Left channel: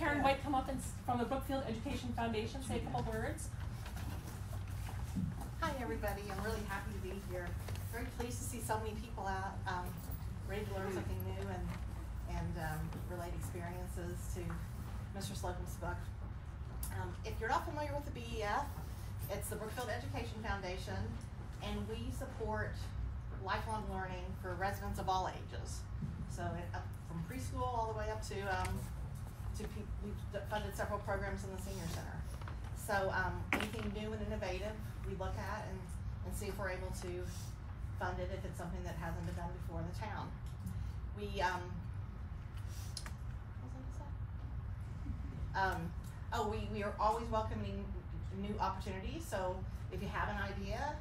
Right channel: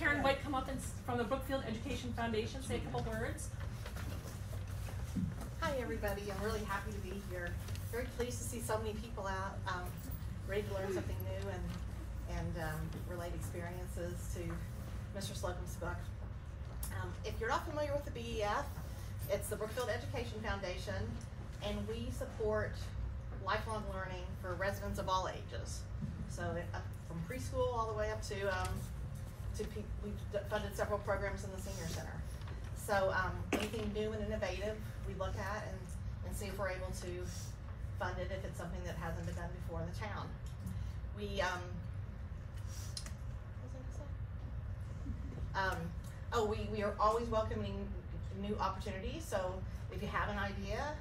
Karen White come up from the Brookfield Education Foundation, say a couple words. Hi everybody, I'm really happy to be here. Very pleased to see so many people out, ready to learn something new and relate experiences to Mr. Slocumb's book. If you're not familiar with the BEF, it's the Brookfield Education Foundation, and we support lifelong learning for residents of all ages. So from preschool all the way up to we've funded several programs in the senior center. So anything new and innovative we look at and see if we're able to fund it if it's something that hasn't been done before in the town. We we are always welcoming new opportunities. So if you have an idea,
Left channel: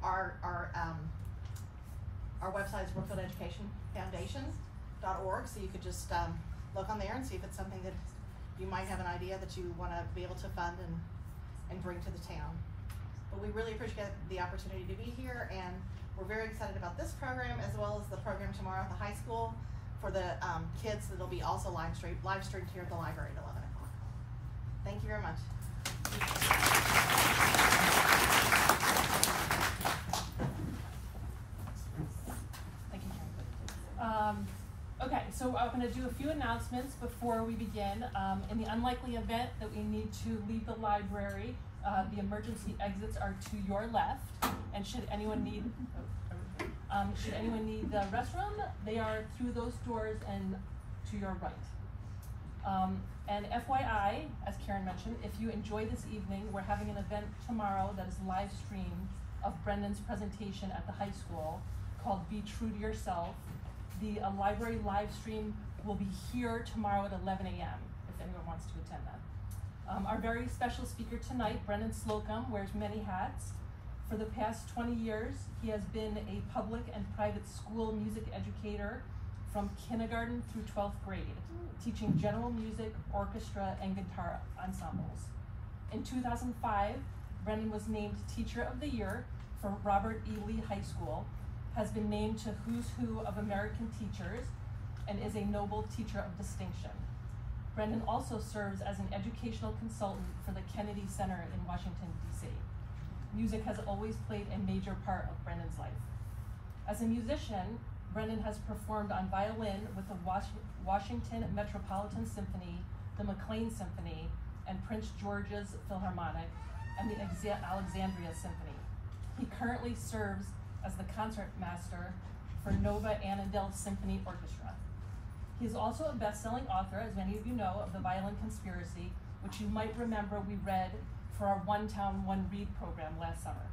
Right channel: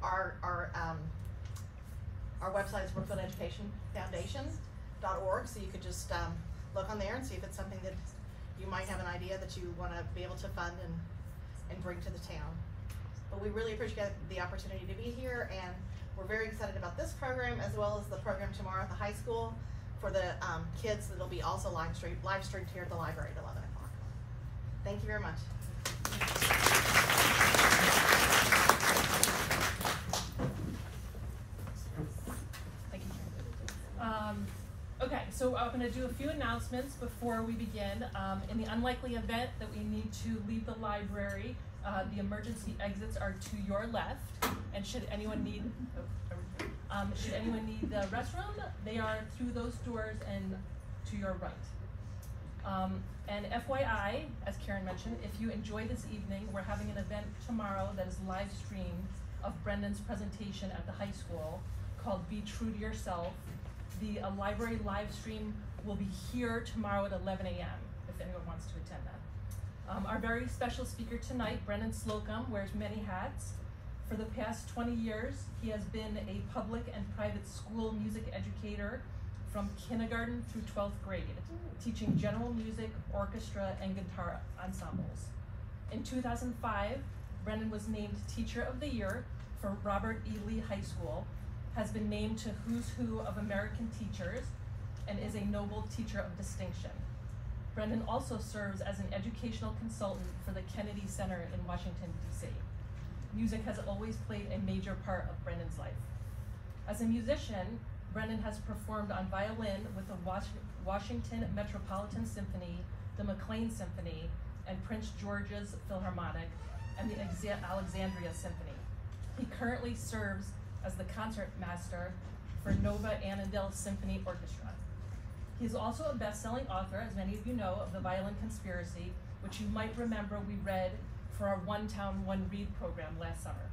our website is brookfieldeducationfoundation.org, so you could just look on there and see if it's something that you might have an idea that you want to be able to fund and bring to the town. But we really appreciate the opportunity to be here, and we're very excited about this program as well as the program tomorrow at the high school for the kids that'll be also live streamed here at the library at 11 o'clock. Thank you very much. Okay, so I'm going to do a few announcements before we begin. In the unlikely event that we need to leave the library, the emergency exits are to your left, and should anyone need the restroom, they are through those doors and to your right. And FYI, as Karen mentioned, if you enjoy this evening, we're having an event tomorrow that is live streamed of Brendan's presentation at the high school called Be True to Yourself. The library live stream will be here tomorrow at 11 a.m. if anyone wants to attend that. Our very special speaker tonight, Brendan Slocumb, wears many hats. For the past 20 years, he has been a public and private school music educator from kindergarten through 12th grade, teaching general music, orchestra, and guitar ensembles. In 2005, Brendan was named Teacher of the Year for Robert E. Lee High School, has been named to Who's Who of American Teachers, and is a Nobel Teacher of Distinction. Brendan also serves as an educational consultant for the Kennedy Center in Washington, D.C. Music has always played a major part of Brendan's life. As a musician, Brendan has performed on violin with the Washington Metropolitan Symphony, the McLean Symphony, and Prince George's Philharmonic, and the Alexandria Symphony. He currently serves as the concert master for Nova Annandale Symphony Orchestra. He is also a best-selling author, as many of you know, of the Violin Conspiracy, which you might remember we read for our One Town, One Read program last summer.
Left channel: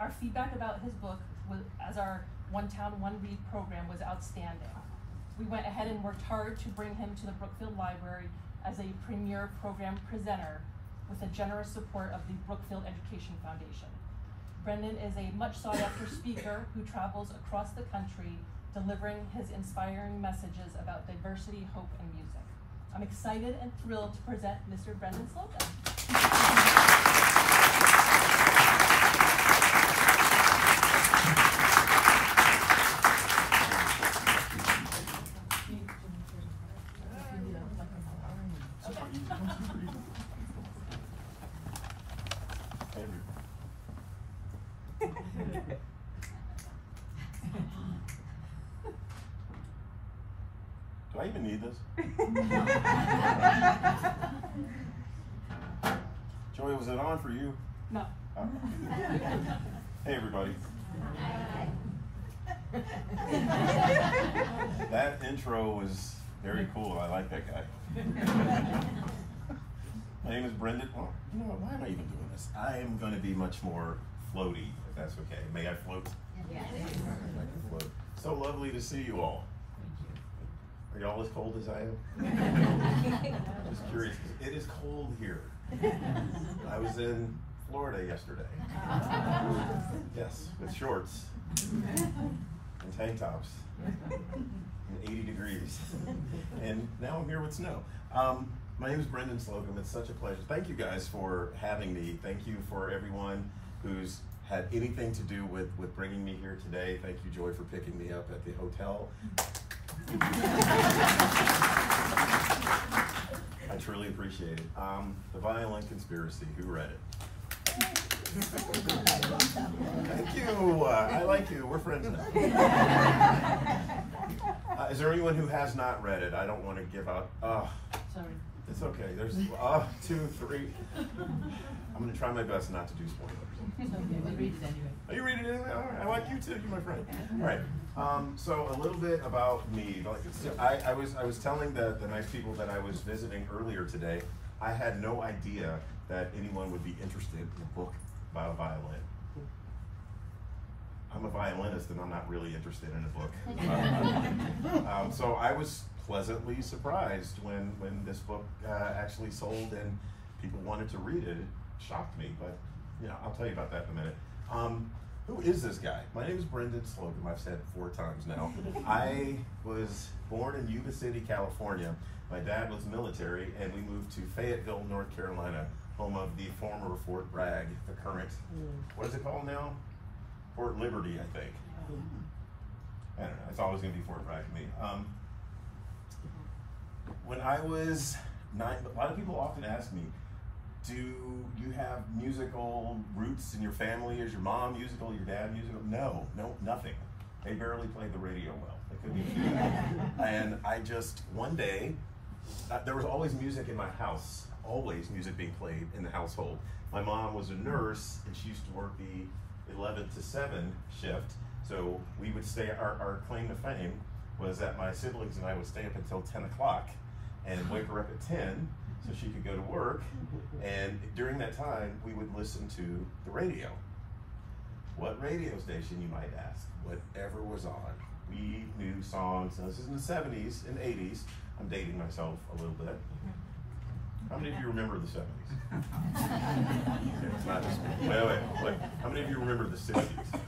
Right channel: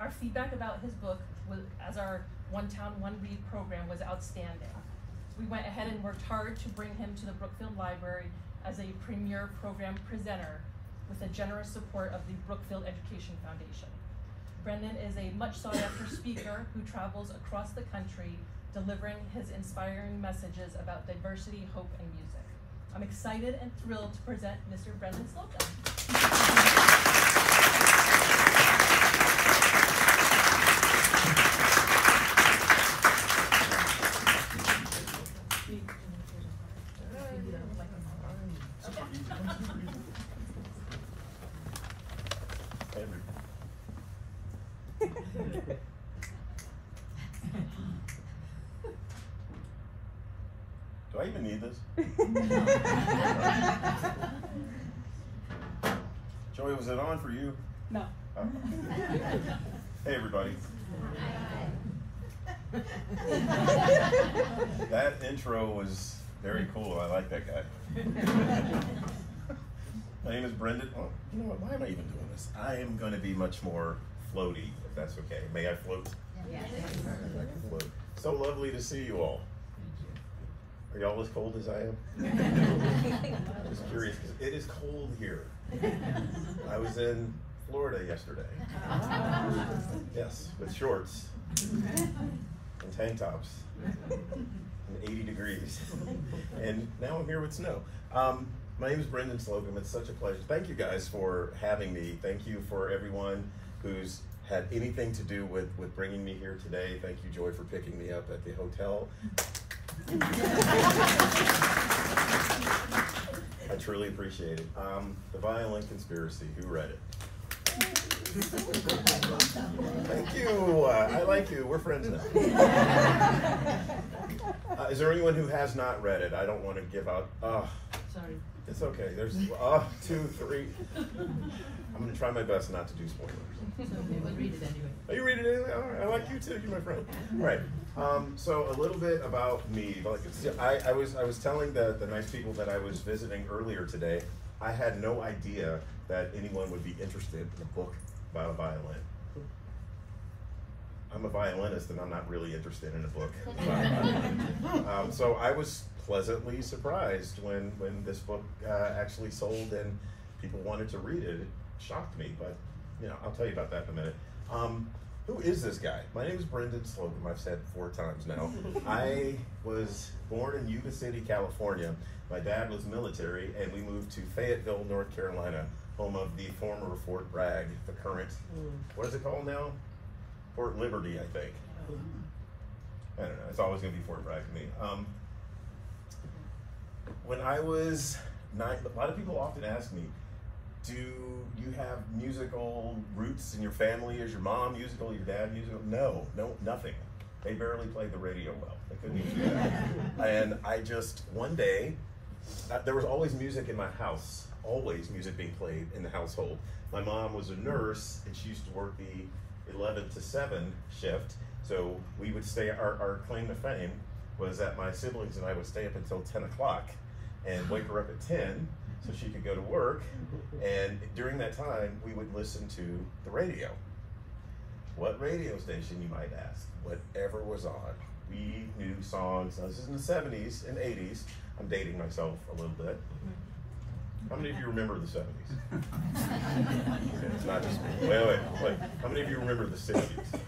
Our feedback about his book as our One Town, One Read program was outstanding. We went ahead and worked hard to bring him to the Brookfield Library as a premier program presenter with the generous support of the Brookfield Education Foundation. Brendan is a much sought after speaker who travels across the country delivering his inspiring messages about diversity, hope, and music. I'm excited and thrilled to present Mr. Brendan Slocumb. Do I even need this? Joey, was it on for you? No. Oh. Hey, everybody. That intro was very cool. I like that guy. My name is Brendan. Oh, you know what? Why am I even doing this? I am going to be much more floaty, if that's okay. May I float? Yes. I can float. So lovely to see you all. Are y'all as cold as I am? Just curious, because it is cold here. I was in Florida yesterday. Yes, with shorts and tank tops and 80 degrees. And now I'm here with snow. My name is Brendan Slocumb. It's such a pleasure. Thank you guys for having me. Thank you for everyone who's had anything to do with bringing me here today. Thank you, Joy, for picking me up at the hotel. truly appreciate it. The Violin Conspiracy, who read it? Thank you. I like you. We're friends now. Is there anyone who has not read it? I don't want to give out. Sorry. It's okay. There's 2, 3. I'm going to try my best not to do spoilers. It's okay. We'll read it anyway. Oh, you read it anyway? All right. I like you too. You're my friend. All right. So a little bit about me. Like I was telling the nice people that I was visiting earlier today, I had no idea that anyone would be interested in a book about a violin. I'm a violinist and I'm not really interested in a book about a violin. So I was pleasantly surprised when this book actually sold and people wanted to read it. It shocked me, but you know, I'll tell you about that in a minute. Who is this guy? My name is Brendan Slocumb. I've said 4 times now. I was born in Yuba City, California. My dad was military, and we moved to Fayetteville, North Carolina, home of the former Fort Bragg, the current, what is it called now? Fort Liberty, I think. I don't know. It's always going to be Fort Bragg to me. When I was 9, a lot of people often ask me, do you have musical roots in your family? Is your mom musical, your dad musical? No, nothing. They barely play the radio well. They couldn't even do that. And I just, one day, there was always music in my house, always music being played in the household. My mom was a nurse, and she used to work the 11 to 7 shift, so we would stay, our claim to fame was that my siblings and I would stay up until 10 o'clock and wake her up at 10 so she could go to work, and during that time we would listen to the radio. What radio station, you might ask? Whatever was on. We knew songs. Now, this is in the 70s and 80s. I'm dating myself a little bit. How many of you remember the 70s? Okay, it's not just me. Wait. How many of you remember the 60s?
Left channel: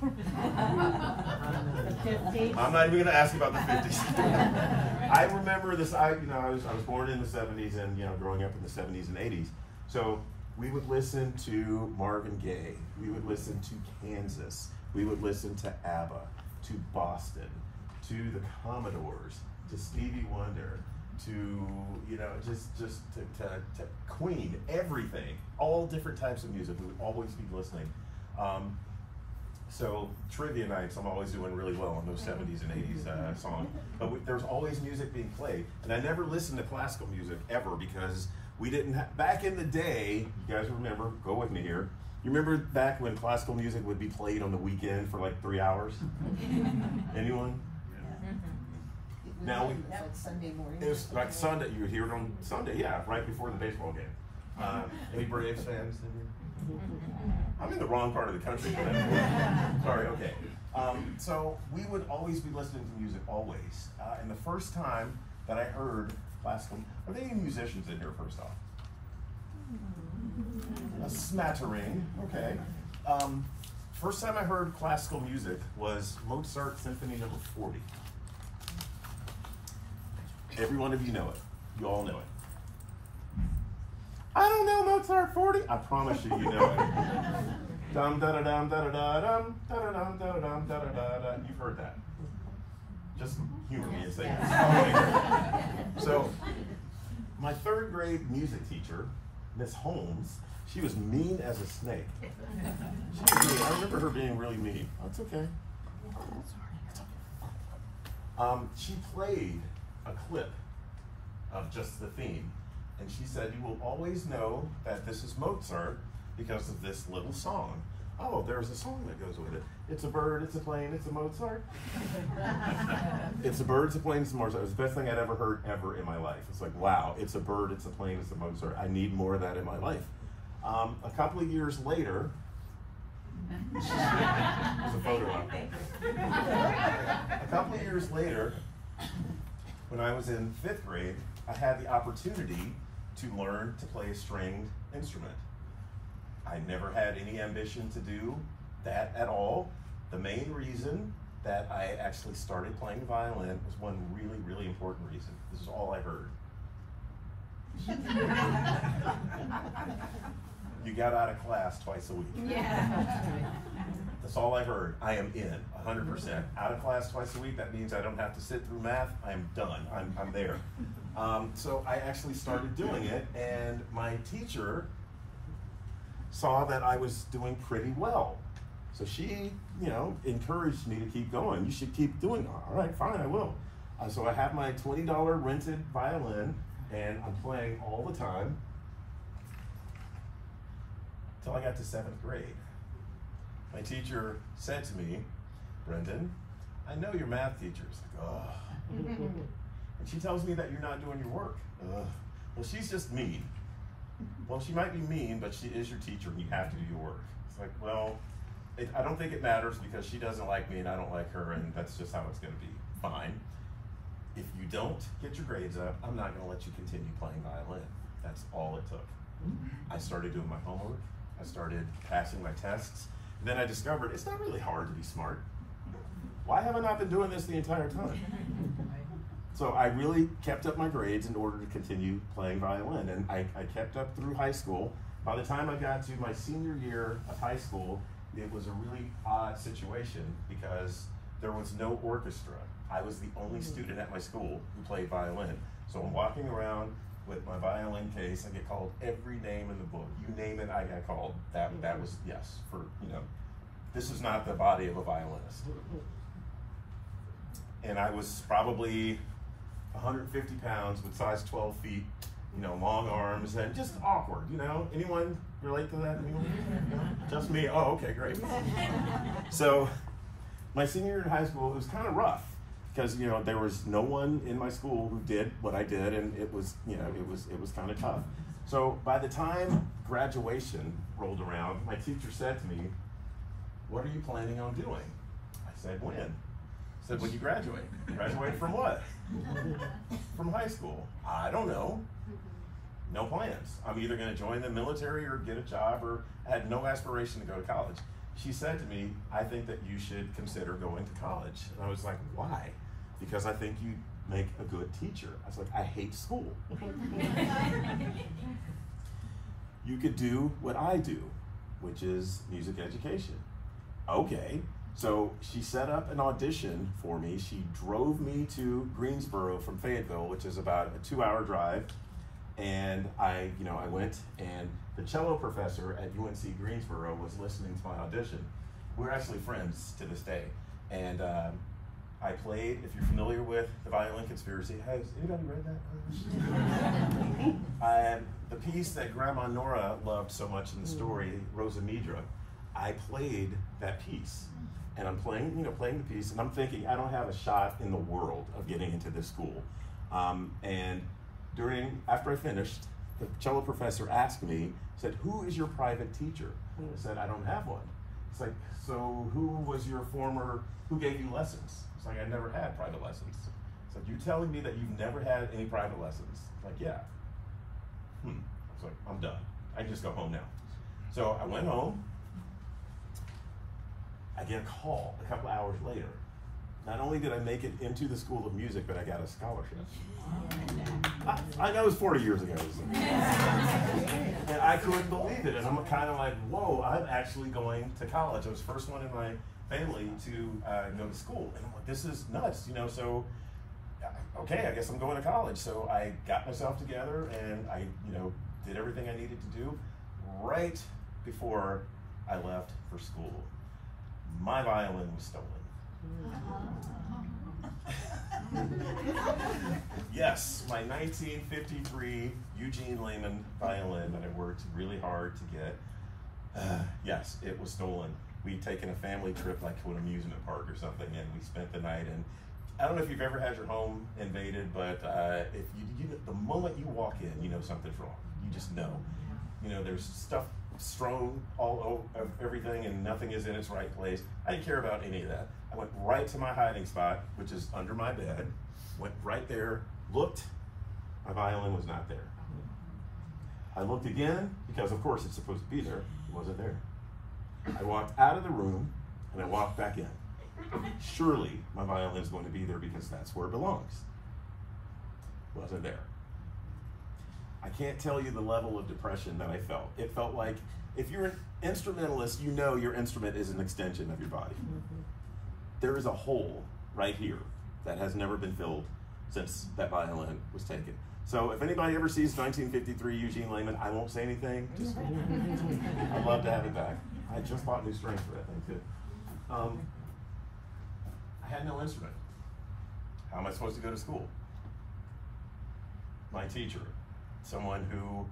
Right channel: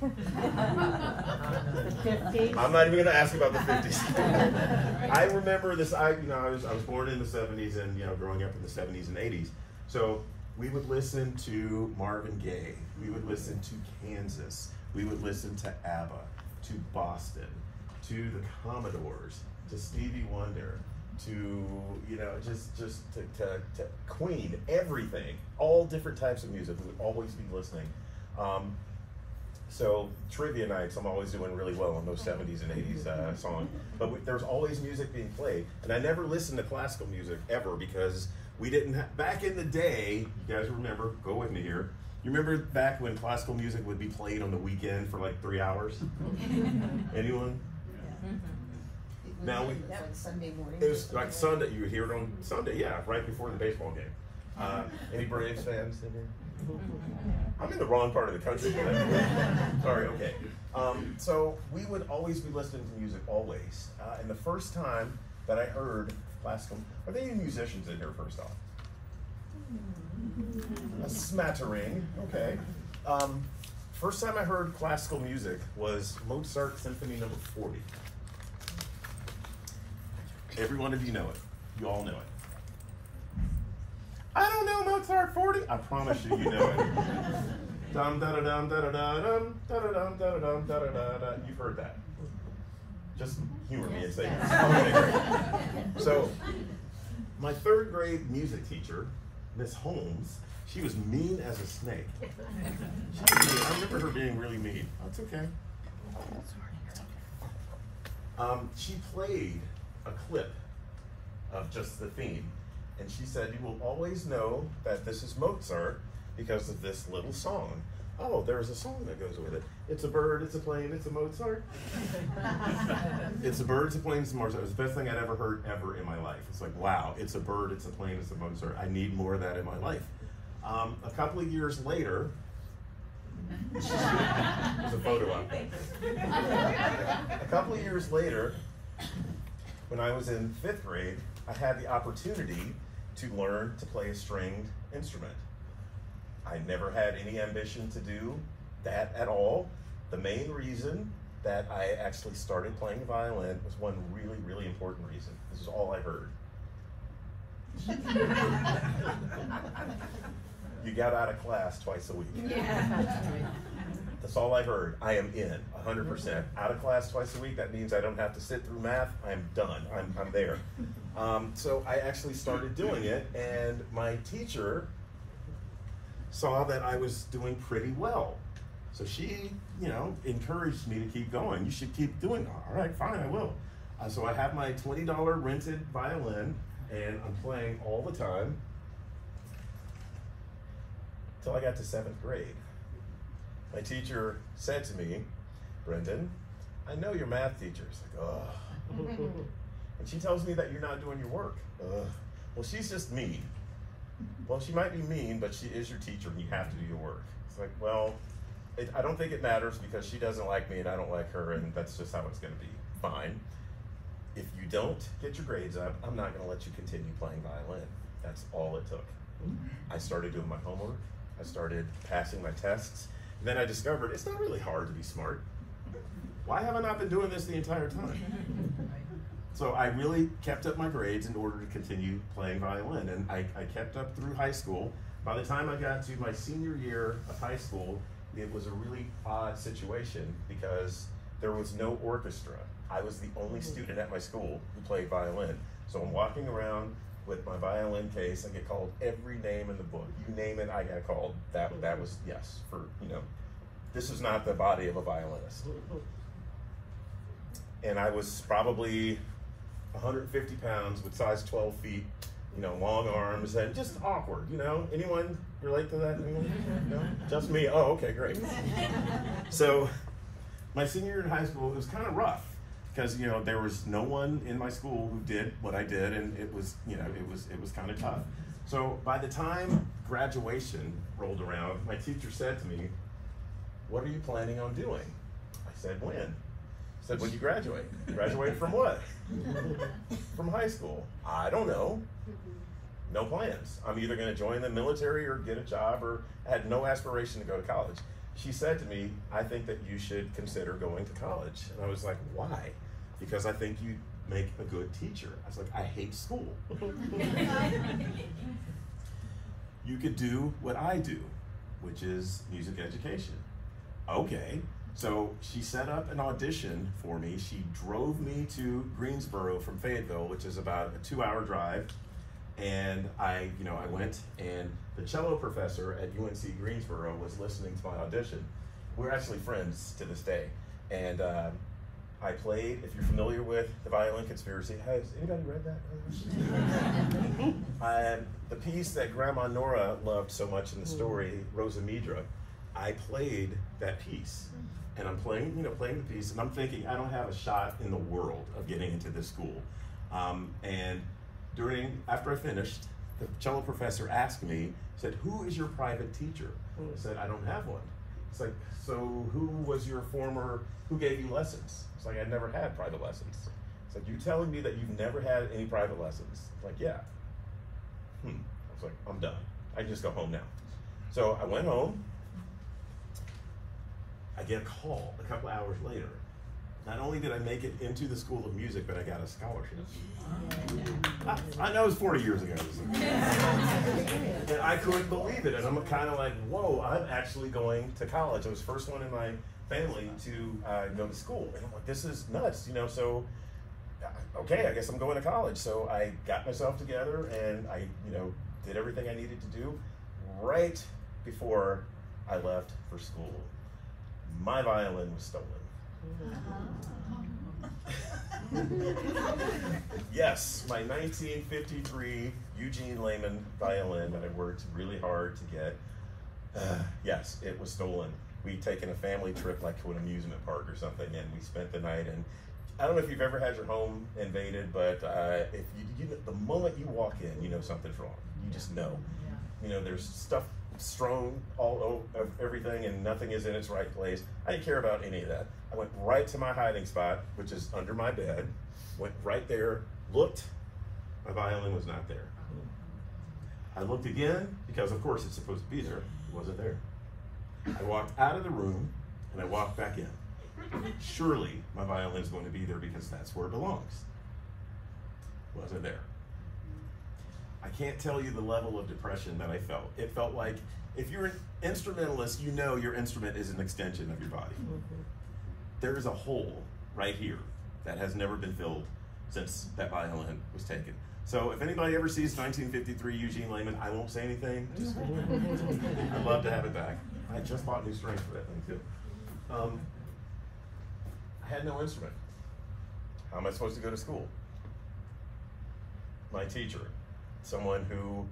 I'm not even going to ask about the 50s. I remember this. I was born in the 70s, and growing up in the 70s and 80s. So we would listen to Marvin Gaye. We would listen to Kansas. We would listen to ABBA, to Boston, to the Commodores, to Stevie Wonder, to just to Queen, everything, all different types of music. We would always be listening. So trivia nights, I'm always doing really well on those 70s and 80s songs. But there's always music being played, and I never listened to classical music ever because we didn't have, back in the day, you guys remember, go with me here, you remember back when classical music would be played on the weekend for like 3 hours? Anyone? Now that was Sunday morning. It was like Sunday. You would hear it on Sunday, yeah, right before the baseball game. Any Braves fans in here? I'm in the wrong part of the country. Sorry. Okay. So we would always be listening to music, always. And the first time that I heard classical, are there any musicians in here? First off, a smattering. Okay. First time I heard classical music was Mozart Symphony No. 40. Every one of you know it. You all know it. I don't know Mozart 40. I promise you, you know it. Dum da da dum da da da dum da da dum da da dum da da da da. You've heard that. Just humor me and say it. So, my 3rd grade music teacher, Miss Holmes, she was mean as a snake. I remember her being really mean. Oh, it's okay. She played a clip of just the theme, and she said, you will always know that this is Mozart because of this little song. Oh, there's a song that goes with it. It's a bird, it's a plane, it's a Mozart. It's a bird, it's a plane, it's a Mozart. It was the best thing I'd ever heard ever in my life. It's like, wow, it's a bird, it's a plane, it's a Mozart. I need more of that in my life. A couple of years later, there's a photo out there. A couple of years later, when I was in 5th grade, I had the opportunity to learn to play a stringed instrument. I never had any ambition to do that at all. The main reason that I actually started playing violin was one really, really important reason. This is all I heard. You got out of class twice a week. Yeah. That's all I heard. I am in 100%. Out of class twice a week, that means I don't have to sit through math. I am done. I'm there. So I actually started doing it, and my teacher saw that I was doing pretty well. So she, you know, encouraged me to keep going. You should keep doing it. All right, fine, I will. So I have my $20 rented violin, and I'm playing all the time until I got to 7th grade. My teacher said to me, Brendan, I know your math teacher. It's like, oh. And she tells me that you're not doing your work. Well, she's just mean. Well, she might be mean, but she is your teacher and you have to do your work. It's like, well, I don't think it matters because she doesn't like me and I don't like her, and that's just how it's gonna be. Fine. If you don't get your grades up, I'm not gonna let you continue playing violin. That's all it took. I started doing my homework. I started passing my tests. And then I discovered it's not really hard to be smart. Why have I not been doing this the entire time? So I really kept up my grades in order to continue playing violin, and I kept up through high school. By the time I got to my senior year of high school, it was a really odd situation because there was no orchestra. I was the only student at my school who played violin. So I'm walking around with my violin case. I get called every name in the book. You name it, I got called. That was, yes, for, you know, this is not the body of a violinist. And I was probably 150 pounds with size 12 feet, you know, long arms, and just awkward, you know? Anyone relate to that? Anyone? No? Just me? Oh, okay, great. So my senior year in high school, it was kind of rough because, you know, there was no one in my school who did what I did, and it was, you know, it was kind of tough. So by the time graduation rolled around, my teacher said to me, what are you planning on doing? I said, when? He said, when you graduate. Graduate from what? From high school. I don't know. No plans. I'm either going to join the military or get a job, or I had no aspiration to go to college. She said to me, I think that you should consider going to college. And I was like, why? Because I think you make a good teacher. I was like, I hate school. You could do what I do, which is music education. Okay. So she set up an audition for me. She drove me to Greensboro from Fayetteville, which is about a 2-hour drive. And I went, and the cello professor at UNC Greensboro was listening to my audition. We're actually friends to this day. And I played, if you're familiar with the Violin Conspiracy, has anybody read that? The piece that Grandma Nora loved so much in the story, Rosa Midra, I played that piece. And I'm playing the piece, and I'm thinking, I don't have a shot in the world of getting into this school. And after I finished, the cello professor asked me, said, who is your private teacher? I said, I don't have one. It's like, so who gave you lessons? It's like, I never had private lessons. It's like, you telling me that you've never had any private lessons? It's like, yeah. I was like, I'm done. I can just go home now. So I went home. I get a call a couple hours later. Not only did I make it into the School of Music, but I got a scholarship. I know it was 40 years ago. And I couldn't believe it. And I'm kind of like, whoa, I'm actually going to college. I was the first one in my family to go to school. And I'm like, this is nuts, you know, so, okay, I guess I'm going to college. So I got myself together and I, did everything I needed to do right before I left for school. My violin was stolen. Yes, my 1953 Eugene Lehman violin that I worked really hard to get. Yes, it was stolen. We'd taken a family trip like to an amusement park or something, and we spent the night. And I don't know if you've ever had your home invaded, but if the moment you walk in, you know something's wrong. You just know. There's stuff strewn all over everything, and nothing is in its right place. I didn't care about any of that. I went right to my hiding spot, which is under my bed, went right there, looked, my violin was not there. I looked again, because of course it's supposed to be there, it wasn't there. I walked out of the room, and I walked back in. Surely my violin is going to be there because that's where it belongs. It wasn't there. I can't tell you the level of depression that I felt. It felt like, if you're an instrumentalist, you know your instrument is an extension of your body. There is a hole right here that has never been filled since that violin was taken. So if anybody ever sees 1953 Eugene Lehman, I won't say anything. Just I'd love to have it back. I just bought new strings for that thing too. I had no instrument. How am I supposed to go to school? My teacher, someone who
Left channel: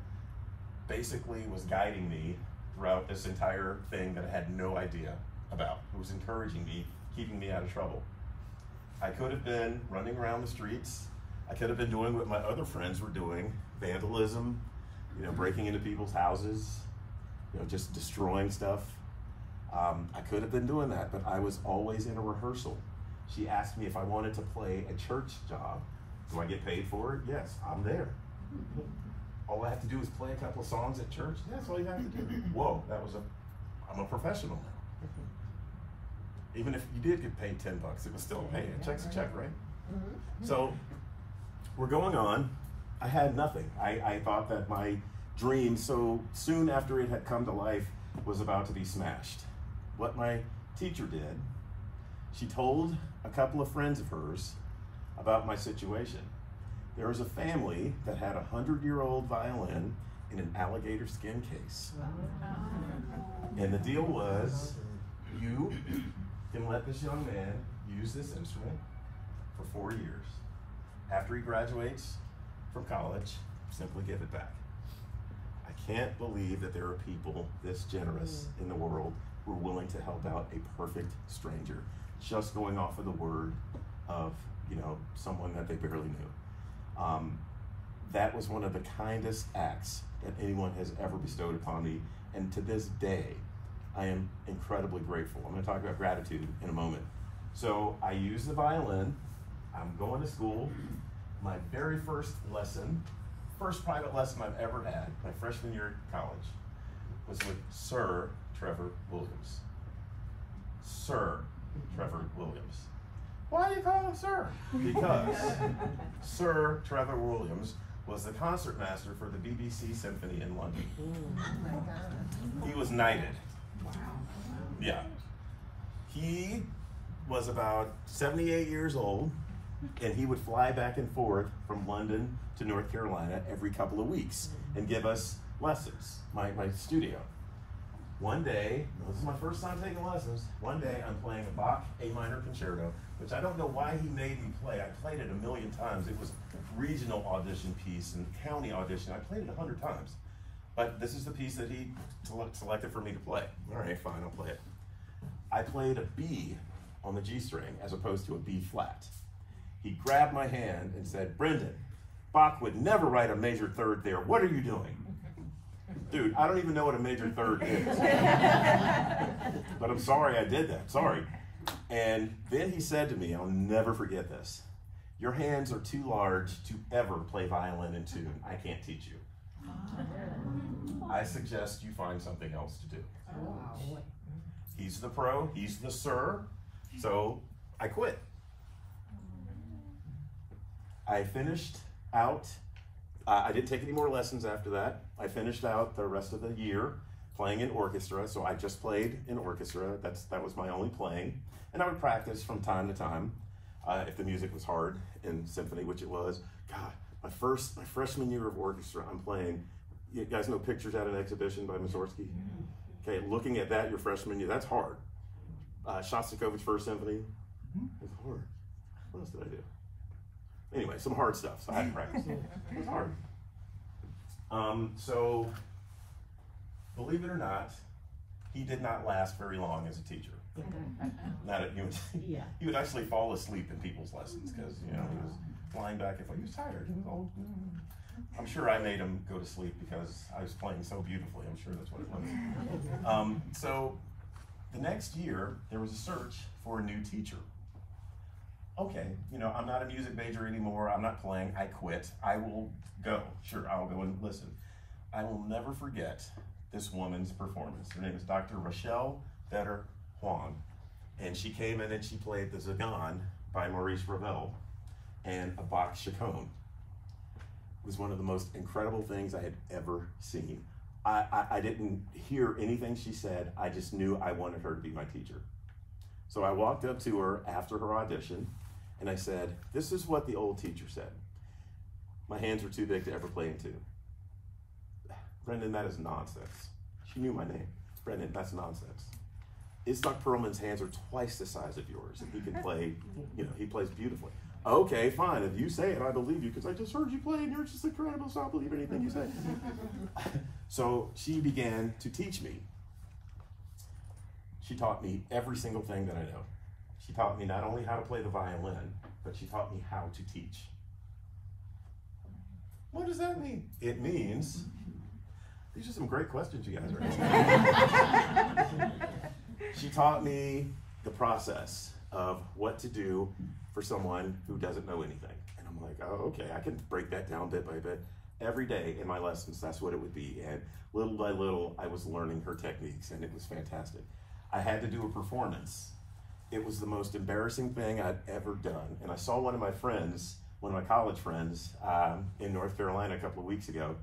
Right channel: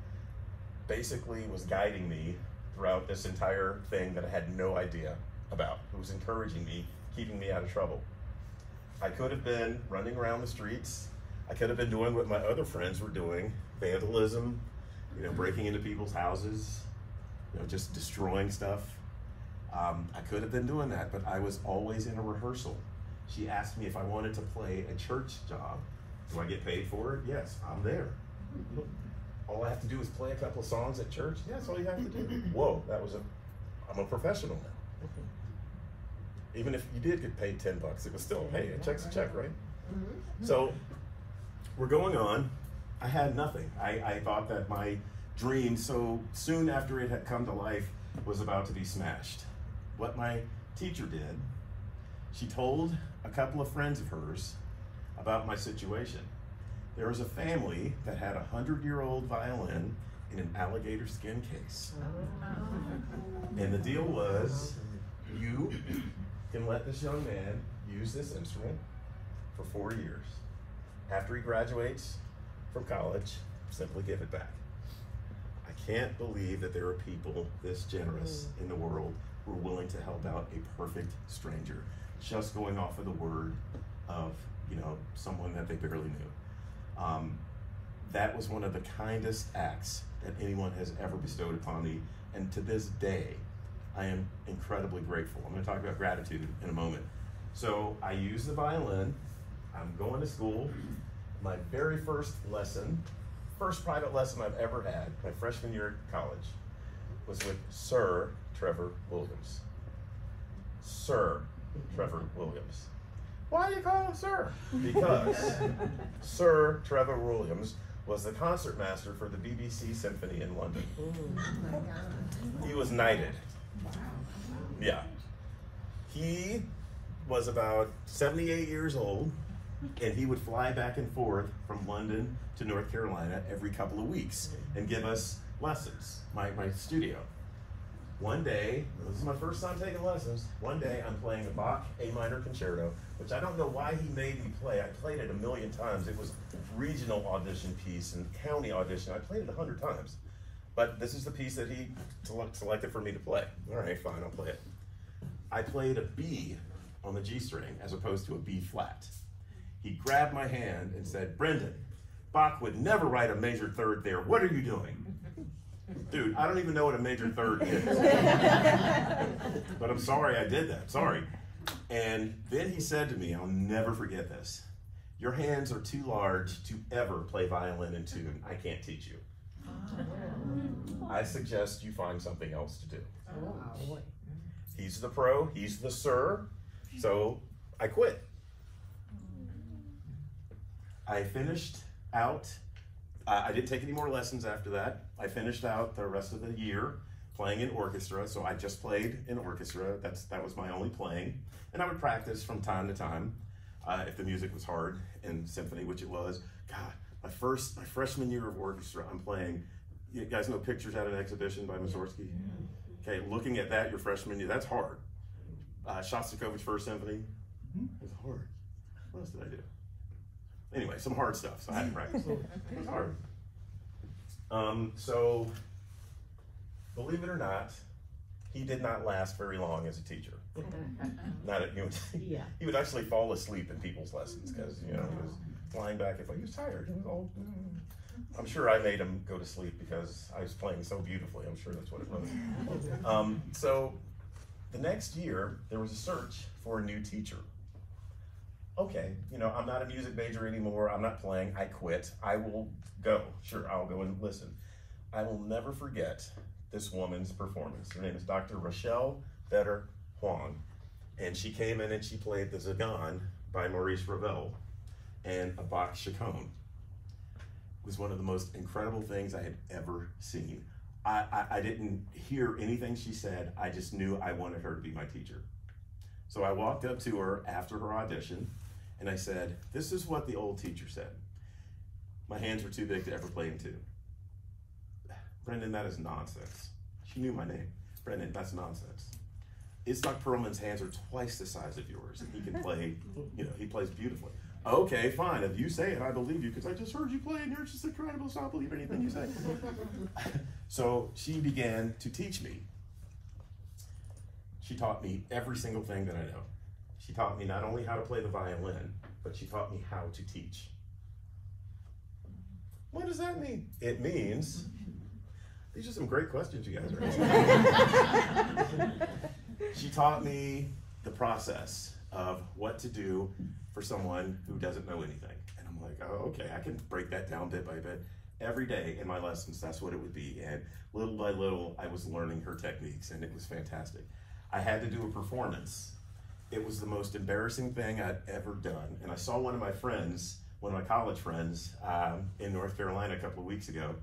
basically was guiding me throughout this entire thing that I had no idea about, who was encouraging me, keeping me out of trouble. I could have been running around the streets. I could have been doing what my other friends were doing, vandalism, you know, breaking into people's houses, you know, just destroying stuff. I could have been doing that, but I was always in a rehearsal. She asked me if I wanted to play a church job. Do I get paid for it? Yes, I'm there. All I have to do is play a couple of songs at church. Yeah, that's all you have to do. Whoa, I'm a professional now. Even if you did get paid $10, it was still, hey, a check's a check, right? So we're going on. I had nothing. I thought that my dream, so soon after it had come to life, was about to be smashed. What my teacher did, she told a couple of friends of hers about my situation. There was a family that had a 100-year-old violin in an alligator skin case. And the deal was, you can let this young man use this instrument for 4 years. After he graduates from college, simply give it back. I can't believe that there are people this generous in the world who are willing to help out a perfect stranger, just going off of the word of, you know, someone that they barely knew. That was one of the kindest acts that anyone has ever bestowed upon me, and to this day, I am incredibly grateful. I'm going to talk about gratitude in a moment. So I use the violin. I'm going to school. My very first lesson, first private lesson I've ever had, my freshman year at college, was with Sir Trevor Williams. Sir Trevor Williams. Why do you call him Sir? Because Sir Trevor Williams was the concertmaster for the BBC Symphony in London. He was knighted. Yeah. He was about 78 years old, and he would fly back and forth from London to North Carolina every couple of weeks and give us lessons, my studio. One day, this is my first time taking lessons, one day I'm playing the Bach A minor concerto, which I don't know why he made me play. I played it a million times. It was a regional audition piece and county audition. I played it 100 times. But this is the piece that he selected for me to play. All right, fine, I'll play it. I played a B on the G string as opposed to a B flat. He grabbed my hand and said, "Brendan, Bach would never write a major third there. What are you doing?" Dude, I don't even know what a major third is. But I'm sorry I did that, sorry. And then he said to me, I'll never forget this, "Your hands are too large to ever play violin in tune. I can't teach you. I suggest you find something else to do." He's the pro, he's the sir, so I quit. I finished out, I didn't take any more lessons after that. I finished out the rest of the year playing in orchestra, so I just played in orchestra. That was my only playing. And I would practice from time to time if the music was hard in symphony, which it was. God, my freshman year of orchestra, I'm playing, you guys know Pictures at an Exhibition by Mussorgsky? Okay, looking at that your freshman year, that's hard. Shostakovich First Symphony, it's hard. What else did I do? Anyway, some hard stuff, so I had to practice. It was hard. So, believe it or not, he did not last very long as a teacher. Not at UNC. He would actually fall asleep in people's lessons because, you know, he was flying back and forth. He was tired. He was old. I'm sure I made him go to sleep because I was playing so beautifully. I'm sure that's what it was. So, the next year, there was a search for a new teacher. Okay, you know, I'm not a music major anymore. I'm not playing. I quit. I will go. Sure, I'll go and listen. I will never forget this woman's performance. Her name is Dr. Rochelle Vetter Huang. And she came in and she played the Zagan by Maurice Ravel and a Bach chaconne. It was one of the most incredible things I had ever seen. I didn't hear anything she said. I just knew I wanted her to be my teacher. So I walked up to her after her audition and I said, this is what the old teacher said. My hands were too big to ever play in two. Brendan, that is nonsense. She knew my name. Brendan, that's nonsense. Itzhak Perlman's hands are twice the size of yours, and he can play, you know, he plays beautifully. Okay, fine, if you say it, I believe you, because I just heard you play, and you're just incredible, so I'll believe anything you say. So she began to teach me. She taught me every single thing that I know. She taught me not only how to play the violin, but she taught me how to teach. What does that mean? It means, these are some great questions you guys are asking. She taught me the process of what to do for someone who doesn't know anything. And I'm like, oh, okay, I can break that down bit by bit. Every day in my lessons, that's what it would be. And little by little, I was learning her techniques, and it was fantastic. I had to do a performance. It was the most embarrassing thing I'd ever done. And I saw one of my friends, one of my college friends in North Carolina a couple of weeks ago.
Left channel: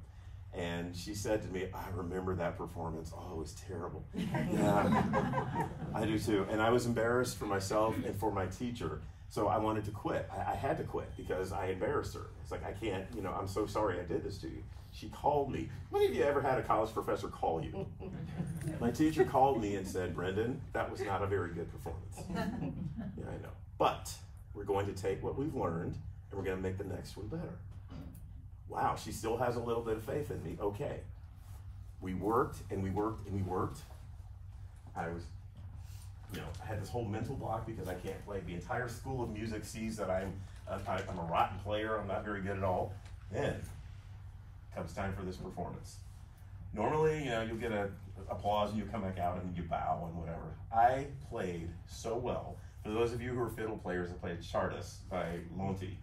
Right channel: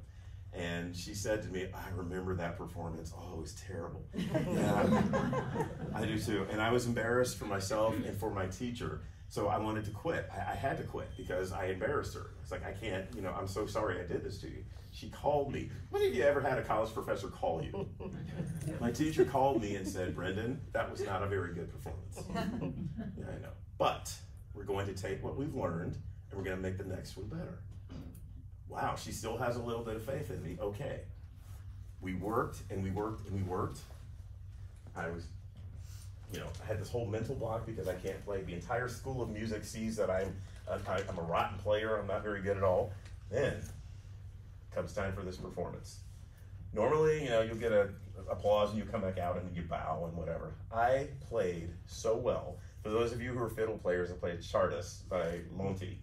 And she said to me, I remember that performance. Oh, it was terrible. Yeah, I do too. And I was embarrassed for myself and for my teacher. So I wanted to quit. I had to quit because I embarrassed her. It's like, I can't, you know, I'm so sorry I did this to you. She called me. When have you ever had a college professor call you? My teacher called me and said, Brendan, that was not a very good performance. Yeah, I know. But we're going to take what we've learned and we're going to make the next one better. Wow, she still has a little bit of faith in me. Okay. We worked and we worked and we worked. I was, you know, I had this whole mental block because I can't play. The entire school of music sees that I'm a rotten player. I'm not very good at all. Then comes time for this performance. Normally, you know, you'll get a applause and you come back out and you bow and whatever. I played so well. For those of you who are fiddle players, I played Chardas by Monty.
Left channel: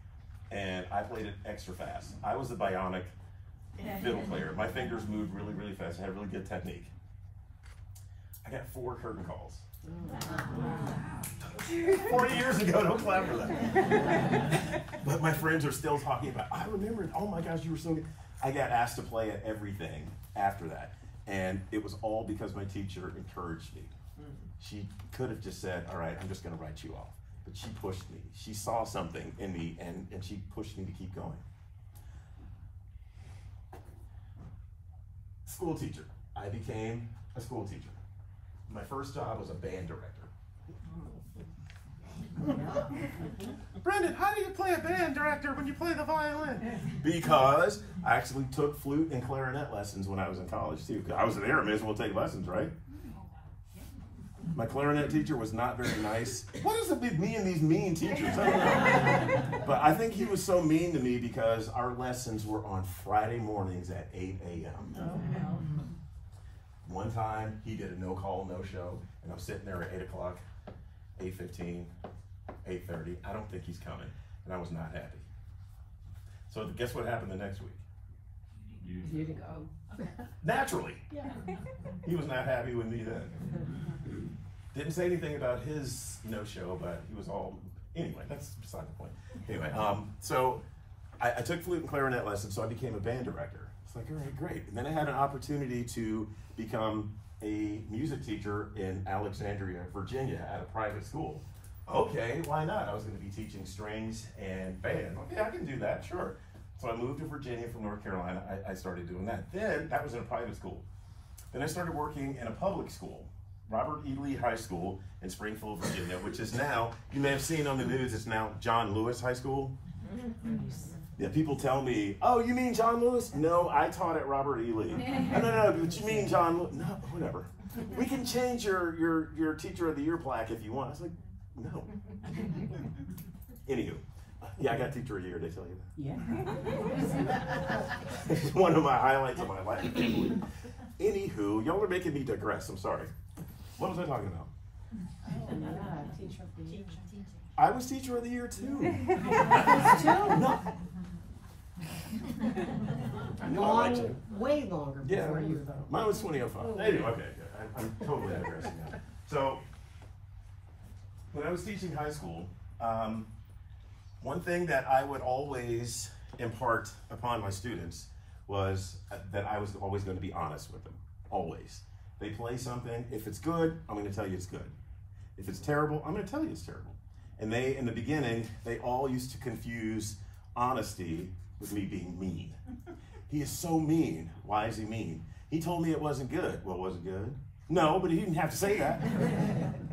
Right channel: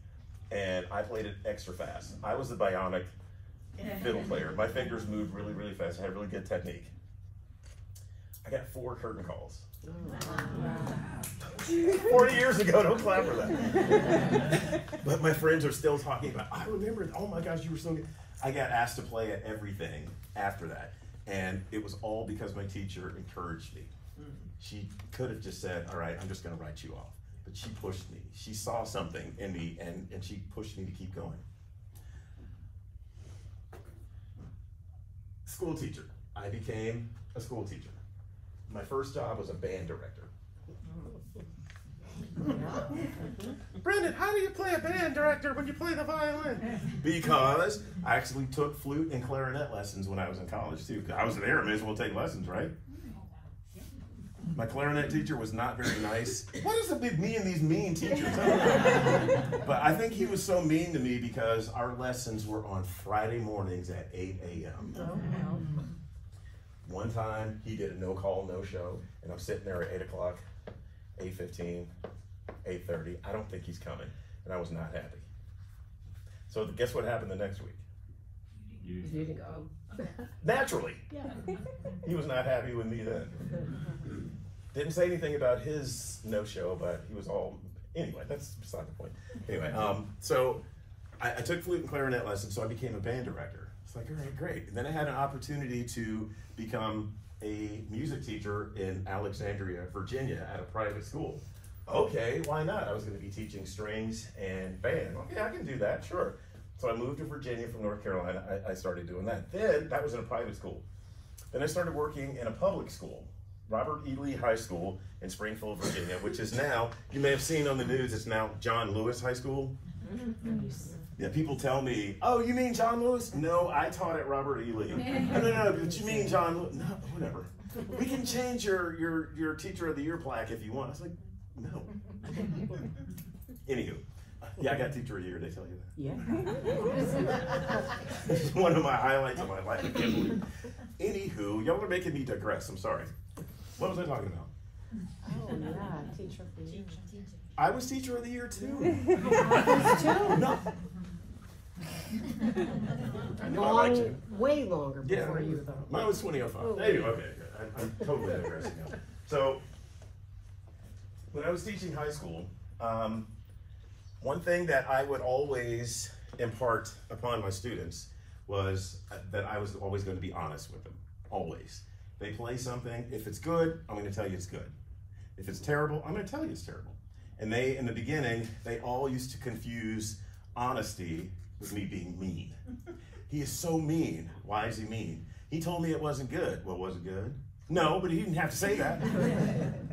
And I played it extra fast. I was the bionic fiddle player. My fingers moved really, really fast. I had really good technique. I got 4 curtain calls. 40 years ago, don't clap for that. But my friends are still talking about, I remember, oh my gosh, you were so good. I got asked to play at everything after that. And it was all because my teacher encouraged me. She could have just said, all right, I'm just gonna write you off. But she pushed me. She saw something in me and she pushed me to keep going. School teacher. I became a school teacher. My first job was a band director. Brendan, how do you play a band director when you play the violin? Because I actually took flute and clarinet lessons when I was in college too. Because I was there, I may as well take lessons, right? My clarinet teacher was not very nice. What is it with me and these mean teachers? I don't know. But I think he was so mean to me because our lessons were on Friday mornings at 8 a.m. One time, he did a no-call, no-show, and I'm sitting there at 8 o'clock, 8:15, 8:30. I don't think he's coming, and I was not happy. So guess what happened the next week? You didn't go. Naturally. Yeah. He was not happy with me then. Didn't say anything about his no-show, but he was all, anyway, that's beside the point. Anyway, so I took flute and clarinet lessons, so I became a band director. It's like, all right, great. And then I had an opportunity to become a music teacher in Alexandria, Virginia at a private school. Okay, why not? I was gonna be teaching strings and band. Okay, I can do that, sure. So I moved to Virginia from North Carolina. I started doing that. Then, that was in a private school. Then I started working in a public school, Robert E. Lee High School in Springfield, Virginia, which is now, you may have seen on the news, it's now John Lewis High School. Yeah, people tell me, oh, you mean John Lewis? No, I taught at Robert E. Lee. No, but you mean John Lewis? No, whatever. We can change your Teacher of the Year plaque if you want. I was like, no. Anywho. Yeah, I got Teacher of the Year, they tell you that? Yeah. It's one of my highlights of my life. Anywho, y'all are making me digress, I'm sorry. What was I talking about? Oh, yeah, Teacher of the Year. I was Teacher of the Year too. No. I know I liked you. Way longer before you, though. Mine was 2005. Anyway, okay, I'm totally digressing now. So, when I was teaching high school, one thing that I would always impart upon my students was that I was always going to be honest with them, always. They play something, if it's good, I'm going to tell you it's good. If it's terrible, I'm going to tell you it's terrible. And they, in the beginning, they all used to confuse honesty with me being mean. He is so mean. Why is he mean? He told me it wasn't good. Well, was it good? No, but he didn't have to say that.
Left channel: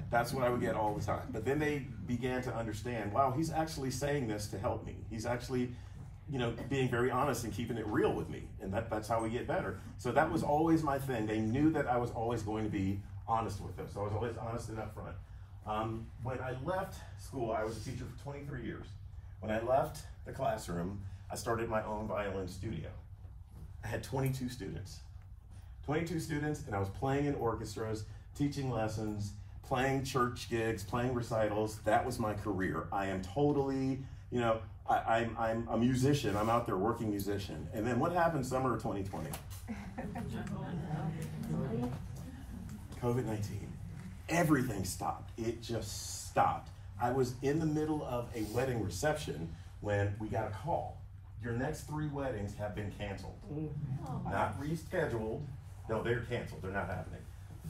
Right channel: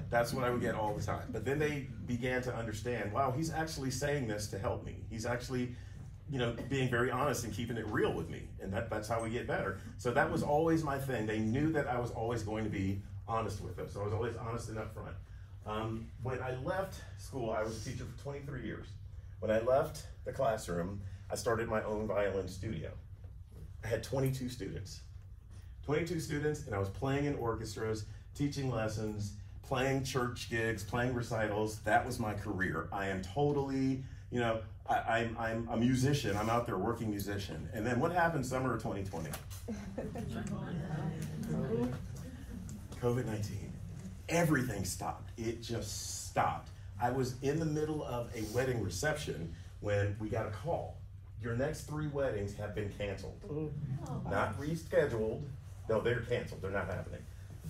That's what I would get all the time. But then they began to understand, wow, he's actually saying this to help me. He's actually, you know, being very honest and keeping it real with me. And that's how we get better. So that was always my thing. They knew that I was always going to be honest with them. So I was always honest and upfront. When I left school, I was a teacher for 23 years. When I left the classroom, I started my own violin studio. I had 22 students. 22 students, and I was playing in orchestras, teaching lessons, playing church gigs, playing recitals. That was my career. I am totally, you know, I'm a musician. I'm out there working musician. And then what happened summer of 2020? COVID-19. Everything stopped. It just stopped. I was in the middle of a wedding reception when we got a call. Your next 3 weddings have been canceled. Not rescheduled. No, they're canceled. They're not happening.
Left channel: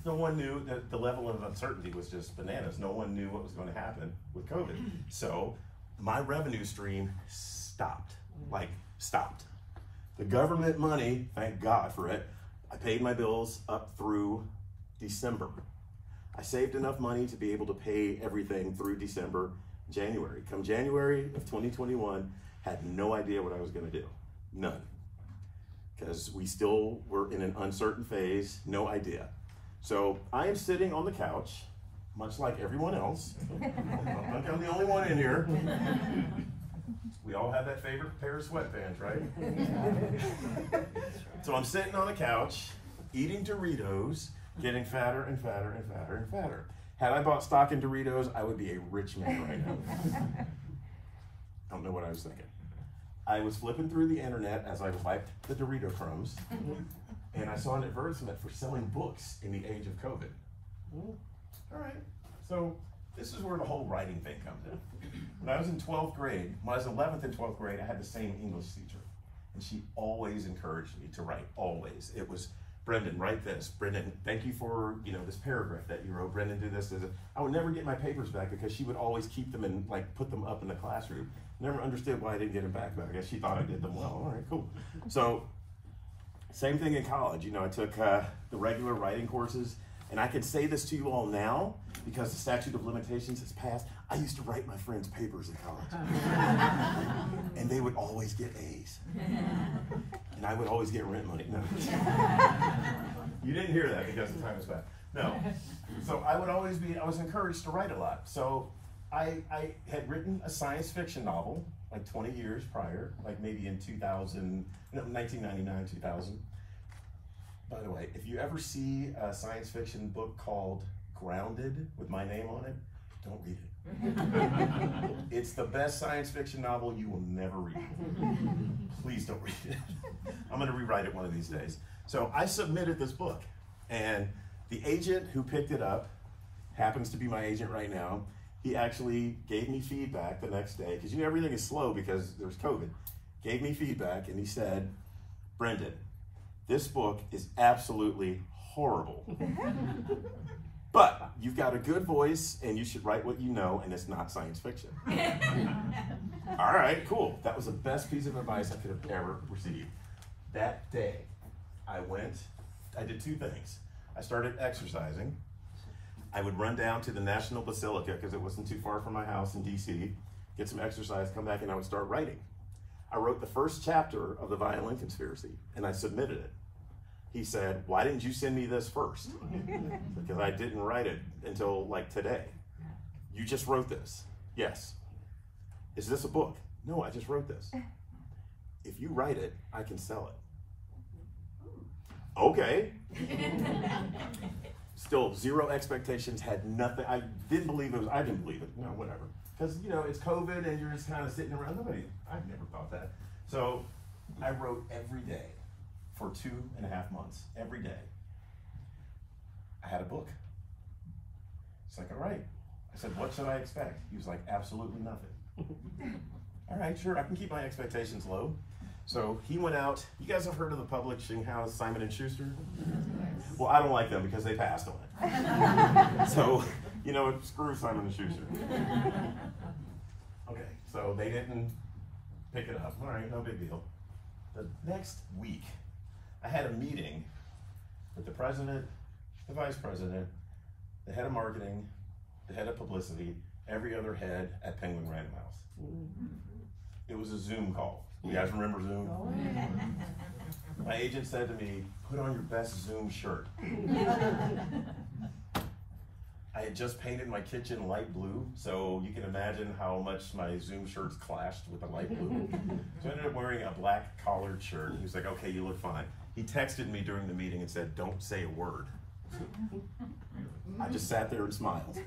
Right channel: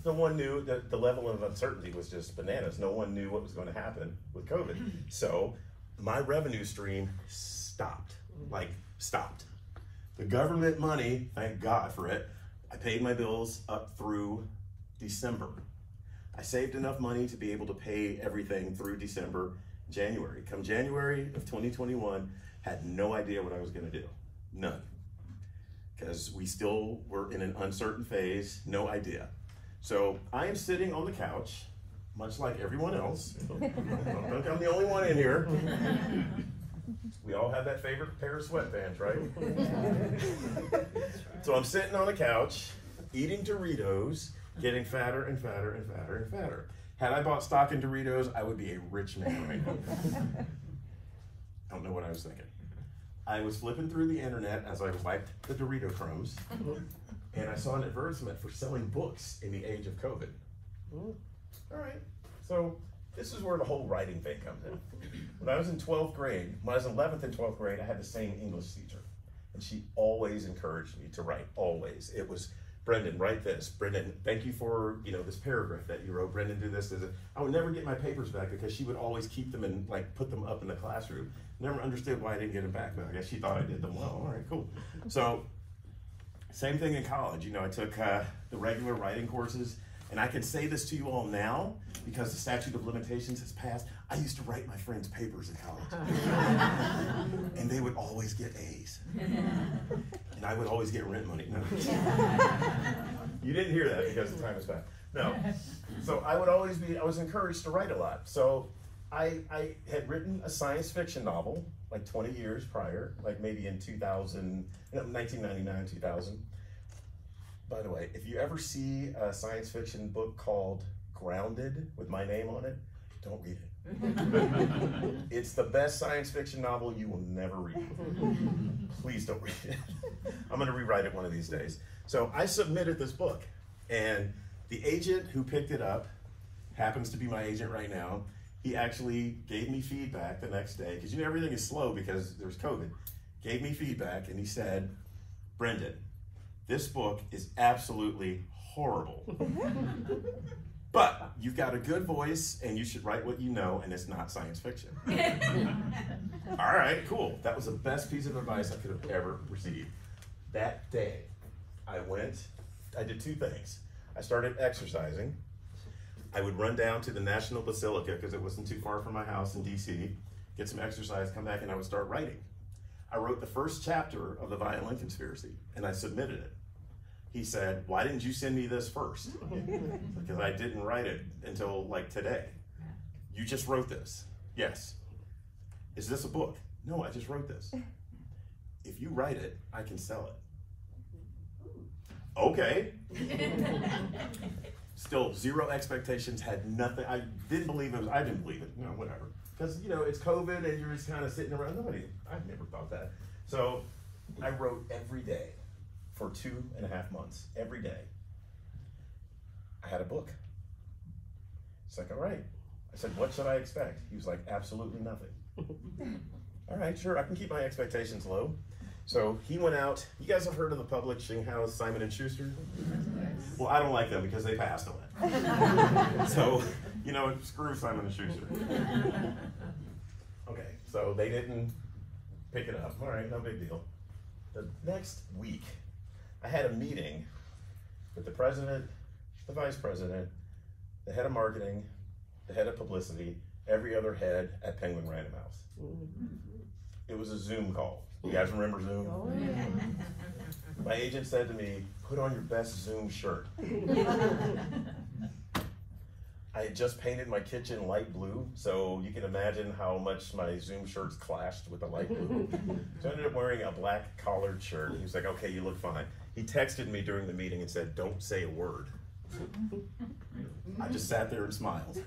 No one knew that the level of uncertainty was just bananas. No one knew what was going to happen with COVID. So my revenue stream stopped, like stopped. The government money, thank God for it, I paid my bills up through December. I saved enough money to be able to pay everything through December, January. Come January of 2021, had no idea what I was going to do. None. Because we still were in an uncertain phase, no idea. So I am sitting on the couch, much like everyone else. I don't think I'm the only one in here. We all have that favorite pair of sweatpants, right? So I'm sitting on the couch, eating Doritos, getting fatter and fatter and fatter and fatter. Had I bought stock in Doritos, I would be a rich man right now. I don't know what I was thinking. I was flipping through the internet as I wiped the Dorito crumbs, and I saw an advertisement for selling books in the age of COVID. All right, so this is where the whole writing thing comes in. When I was in 12th grade, when I was 11th and 12th grade, I had the same English teacher, and she always encouraged me to write, always. It was, Brendan, write this. Brendan, thank you for, you know, this paragraph that you wrote. Brendan, do this. I would never get my papers back because she would always keep them and like put them up in the classroom. Never understood why I didn't get them back, but I guess she thought I did them well. All right, cool. So same thing in college. You know, I took the regular writing courses, and I can say this to you all now because the statute of limitations has passed. I used to write my friends' papers in college, and they would always get A's. And I would always get rent money. No. You didn't hear that because the time was back. No. So I was encouraged to write a lot. So I had written a science fiction novel like 20 years prior, like maybe in 1999, 2000. By the way, if you ever see a science fiction book called Grounded with my name on it, don't read it. It's the best science fiction novel you will never read. Please don't read it. I'm going to rewrite it one of these days. So I submitted this book, and the agent who picked it up happens to be my agent right now. He actually gave me feedback the next day, because you know everything is slow because there's COVID. Gave me feedback, and he said, Brendan, this book is absolutely horrible. But you've got a good voice, and you should write what you know, and it's not science fiction. All right, cool. That was the best piece of advice I could have ever received. That day, I did 2 things. I started exercising. I would run down to the National Basilica, because it wasn't too far from my house in DC, get some exercise, come back, and I would start writing. I wrote the first chapter of the Violin Conspiracy, and I submitted it. He said, why didn't you send me this first? Because I didn't write it until like today. You just wrote this. Yes. Is this a book? No, I just wrote this. If you write it, I can sell it. Okay. Still, 0 expectations, had nothing. I didn't believe it was, I didn't believe it, you know, whatever. Because, you know, it's COVID and you're just kind of sitting around. I've never thought that. So I wrote every day for 2.5 months, every day. I had a book. It's like, all right. I said, what should I expect? He was like, absolutely nothing. All right, sure, I can keep my expectations low. So he went out. You guys have heard of the publishing house, Simon & Schuster? Well, I don't like them because they passed on it. So You know what? Screw Simon & Schuster. Okay, so they didn't pick it up. All right, no big deal. The next week, I had a meeting with the president, the vice president, the head of marketing, the head of publicity, every other head at Penguin Random House. It was a Zoom call. You guys remember Zoom? Oh, yeah. My agent said to me, put on your best Zoom shirt. I had just painted my kitchen light blue, so you can imagine how much my Zoom shirts clashed with the light blue. So I ended up wearing a black collared shirt. He was like, okay, you look fine. He texted me during the meeting and said, don't say a word. I just sat there and smiled.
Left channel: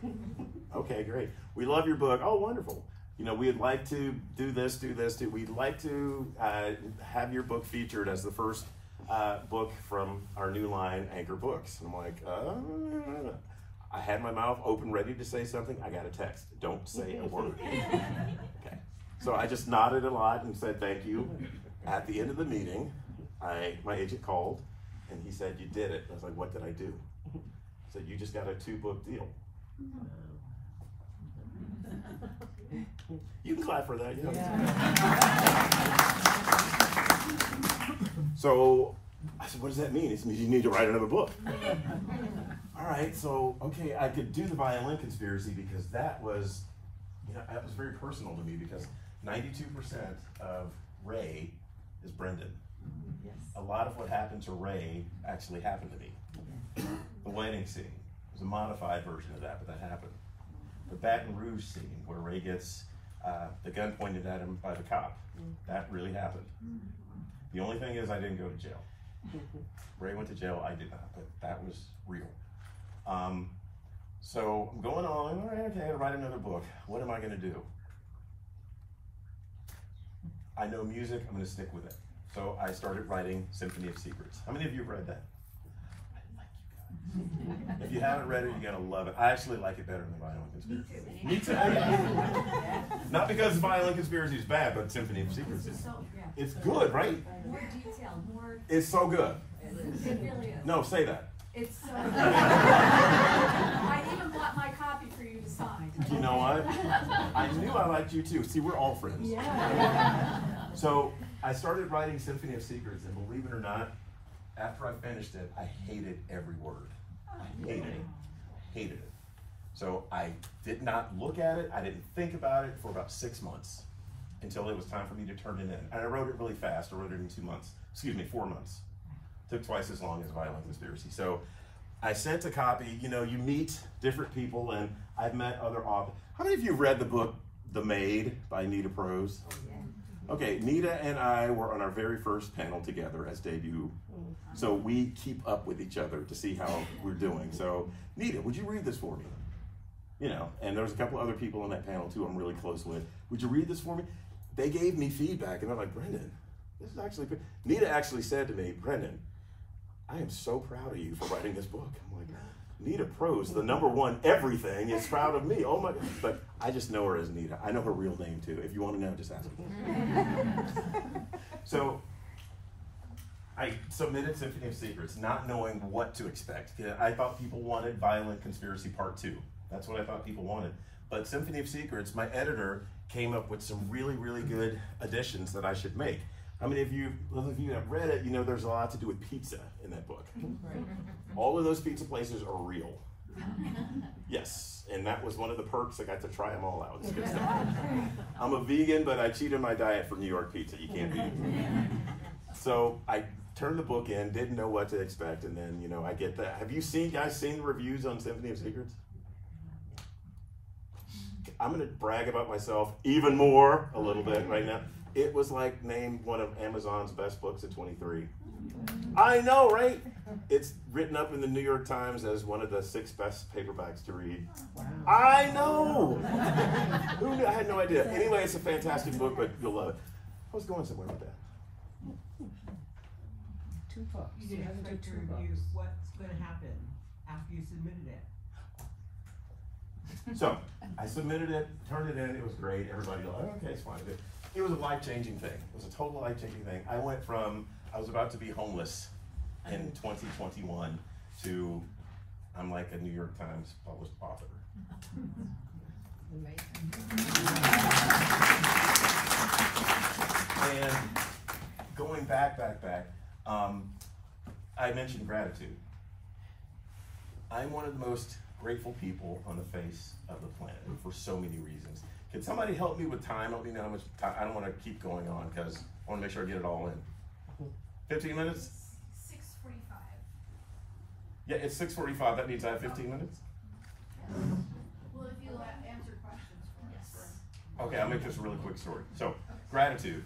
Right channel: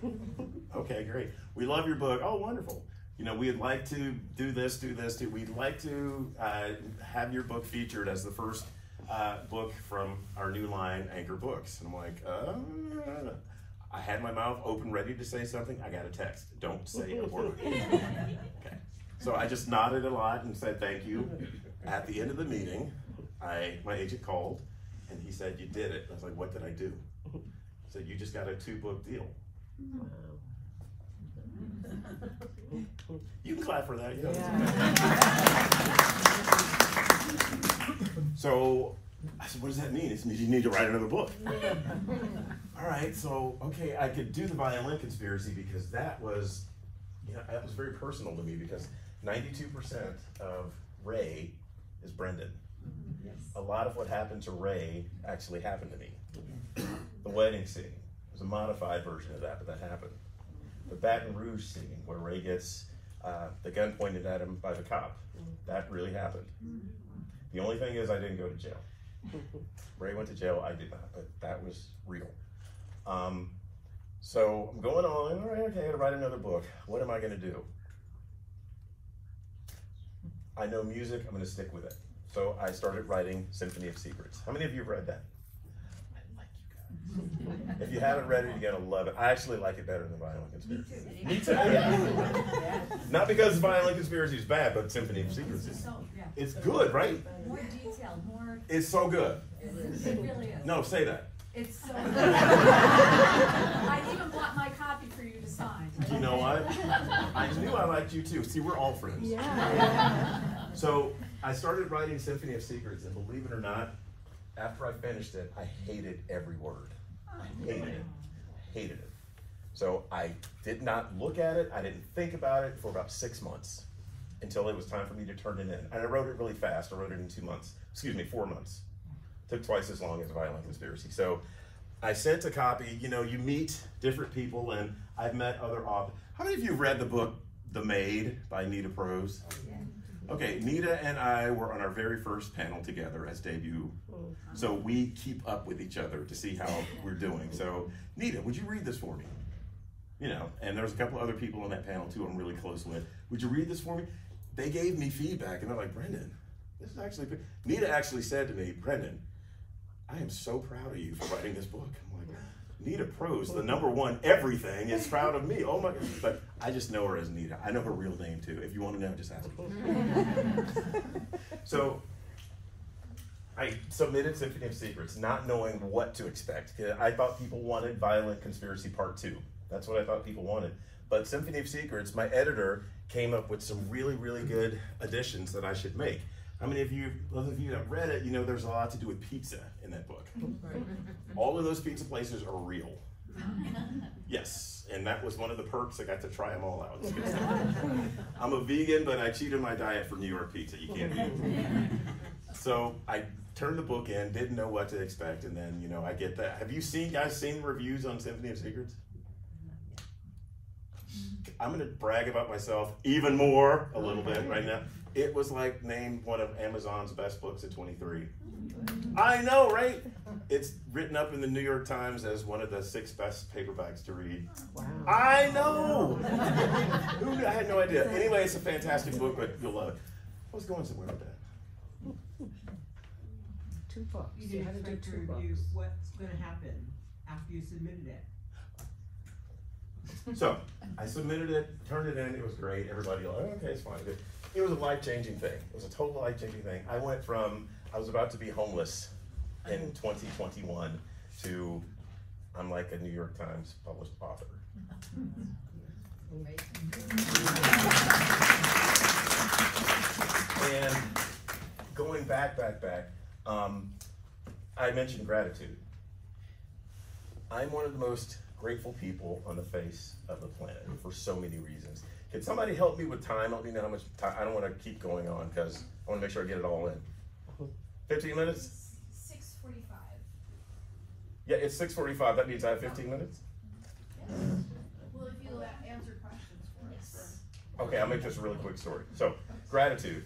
Okay, great. We love your book. Oh, wonderful. You know, we'd like to do this, we'd like to have your book featured as the first book from our new line, Anchor Books. And I'm like, I had my mouth open, ready to say something. I got a text. Don't say a word. Okay. So I just nodded a lot and said thank you. At the end of the meeting, my agent called and he said, you did it. I was like, what did I do? He said, you just got a 2-book deal. You can clap for that. You know. Yeah. So I said, what does that mean? It means you need to write another book. All right, so, okay, I could do the Violin Conspiracy because that was, you know, that was very personal to me because 92% of Ray is Brendan. Yes. A lot of what happened to Ray actually happened to me. The wedding scene was a modified version of that, but that happened. The Baton Rouge scene where Ray gets the gun pointed at him by the cop, that really happened. The only thing is I didn't go to jail. Ray went to jail, I did not, but that was real. So I'm going on, all right, okay, I gotta write another book. What am I gonna do? I know music, I'm gonna stick with it. So I started writing Symphony of Secrets. How many of you have read that? I like you guys. If you haven't read it, you're gonna love it. I actually like it better than Violin Conspiracy. Me too. Yeah. Not because Violin Conspiracy is bad, but Symphony of Secrets is. It's good, right? More detailed, more. It's so good. It really is. No, say that. It's so good. I even bought my copy for you to sign. You know what? I knew I liked you too. See, we're all friends. Yeah. So I started writing Symphony of Secrets, and believe it or not, after I finished it, I hated every word. I hated it. I hated it. So I did not look at it. I didn't think about it for about 6 months until it was time for me to turn it in. And I wrote it really fast. I wrote it in 2 months. Excuse me, 4 months. Took twice as long as Violin Conspiracy. So I sent a copy. You know, you meet different people, and I've met other authors. How many of you have read the book The Maid by Nita Prose? Okay, Nita and I were on our very first panel together as debut. So we keep up with each other to see how we're doing. So Nita, would you read this for me? You know, and there was a couple other people on that panel too I'm really close with. Would you read this for me? They gave me feedback and they're like, Brendan, this is actually good. Nita actually said to me, Brendan, I am so proud of you for writing this book. I'm like, Nita Prose, the #1 everything, is proud of me. Oh my God. But I just know her as Nita. I know her real name too. If you want to know, just ask her. So I submitted Symphony of Secrets, not knowing what to expect. I thought people wanted Violin Conspiracy Part 2. That's what I thought people wanted. But Symphony of Secrets, my editor came up with some really, really good additions that I should make. I mean, those of you that have read it, you know there's a lot to do with pizza in that book. All of those pizza places are real. Yes, and that was one of the perks. I got to try them all out. It's good stuff. I'm a vegan, but I cheat on my diet for New York pizza. You can't beat it. So I turned the book in, didn't know what to expect, and then, you know, I get that. Have you guys seen the reviews on Symphony of Secrets? I'm gonna brag about myself even more a little bit right now. It was like named one of Amazon's best books of 23. I know, right? It's written up in the New York Times as one of the 6 best paperbacks to read. Wow. I know! Who knew? I had no idea. Anyway, it's a fantastic book, but you'll love it. I was going somewhere with that. 2 books. You didn't had to do expect to 2 review books. what's going to happen after you submitted it. So I submitted it, turned it in, it was great. Everybody was like, okay, it's fine. It was a life-changing thing. It was a total life-changing thing. I went from, I was about to be homeless in 2021 to I'm like a New York Times published author. And going back, I mentioned gratitude. I'm one of the most grateful people on the face of the planet for so many reasons. Can somebody help me with time? Let me know how much time. I don't want to keep going on because I want to make sure I get it all in. 15 minutes? 6:45. Yeah, it's 6:45. That means I have 15 minutes? Well, if you answer questions for us. Okay, I'll make this a really quick story. So, gratitude.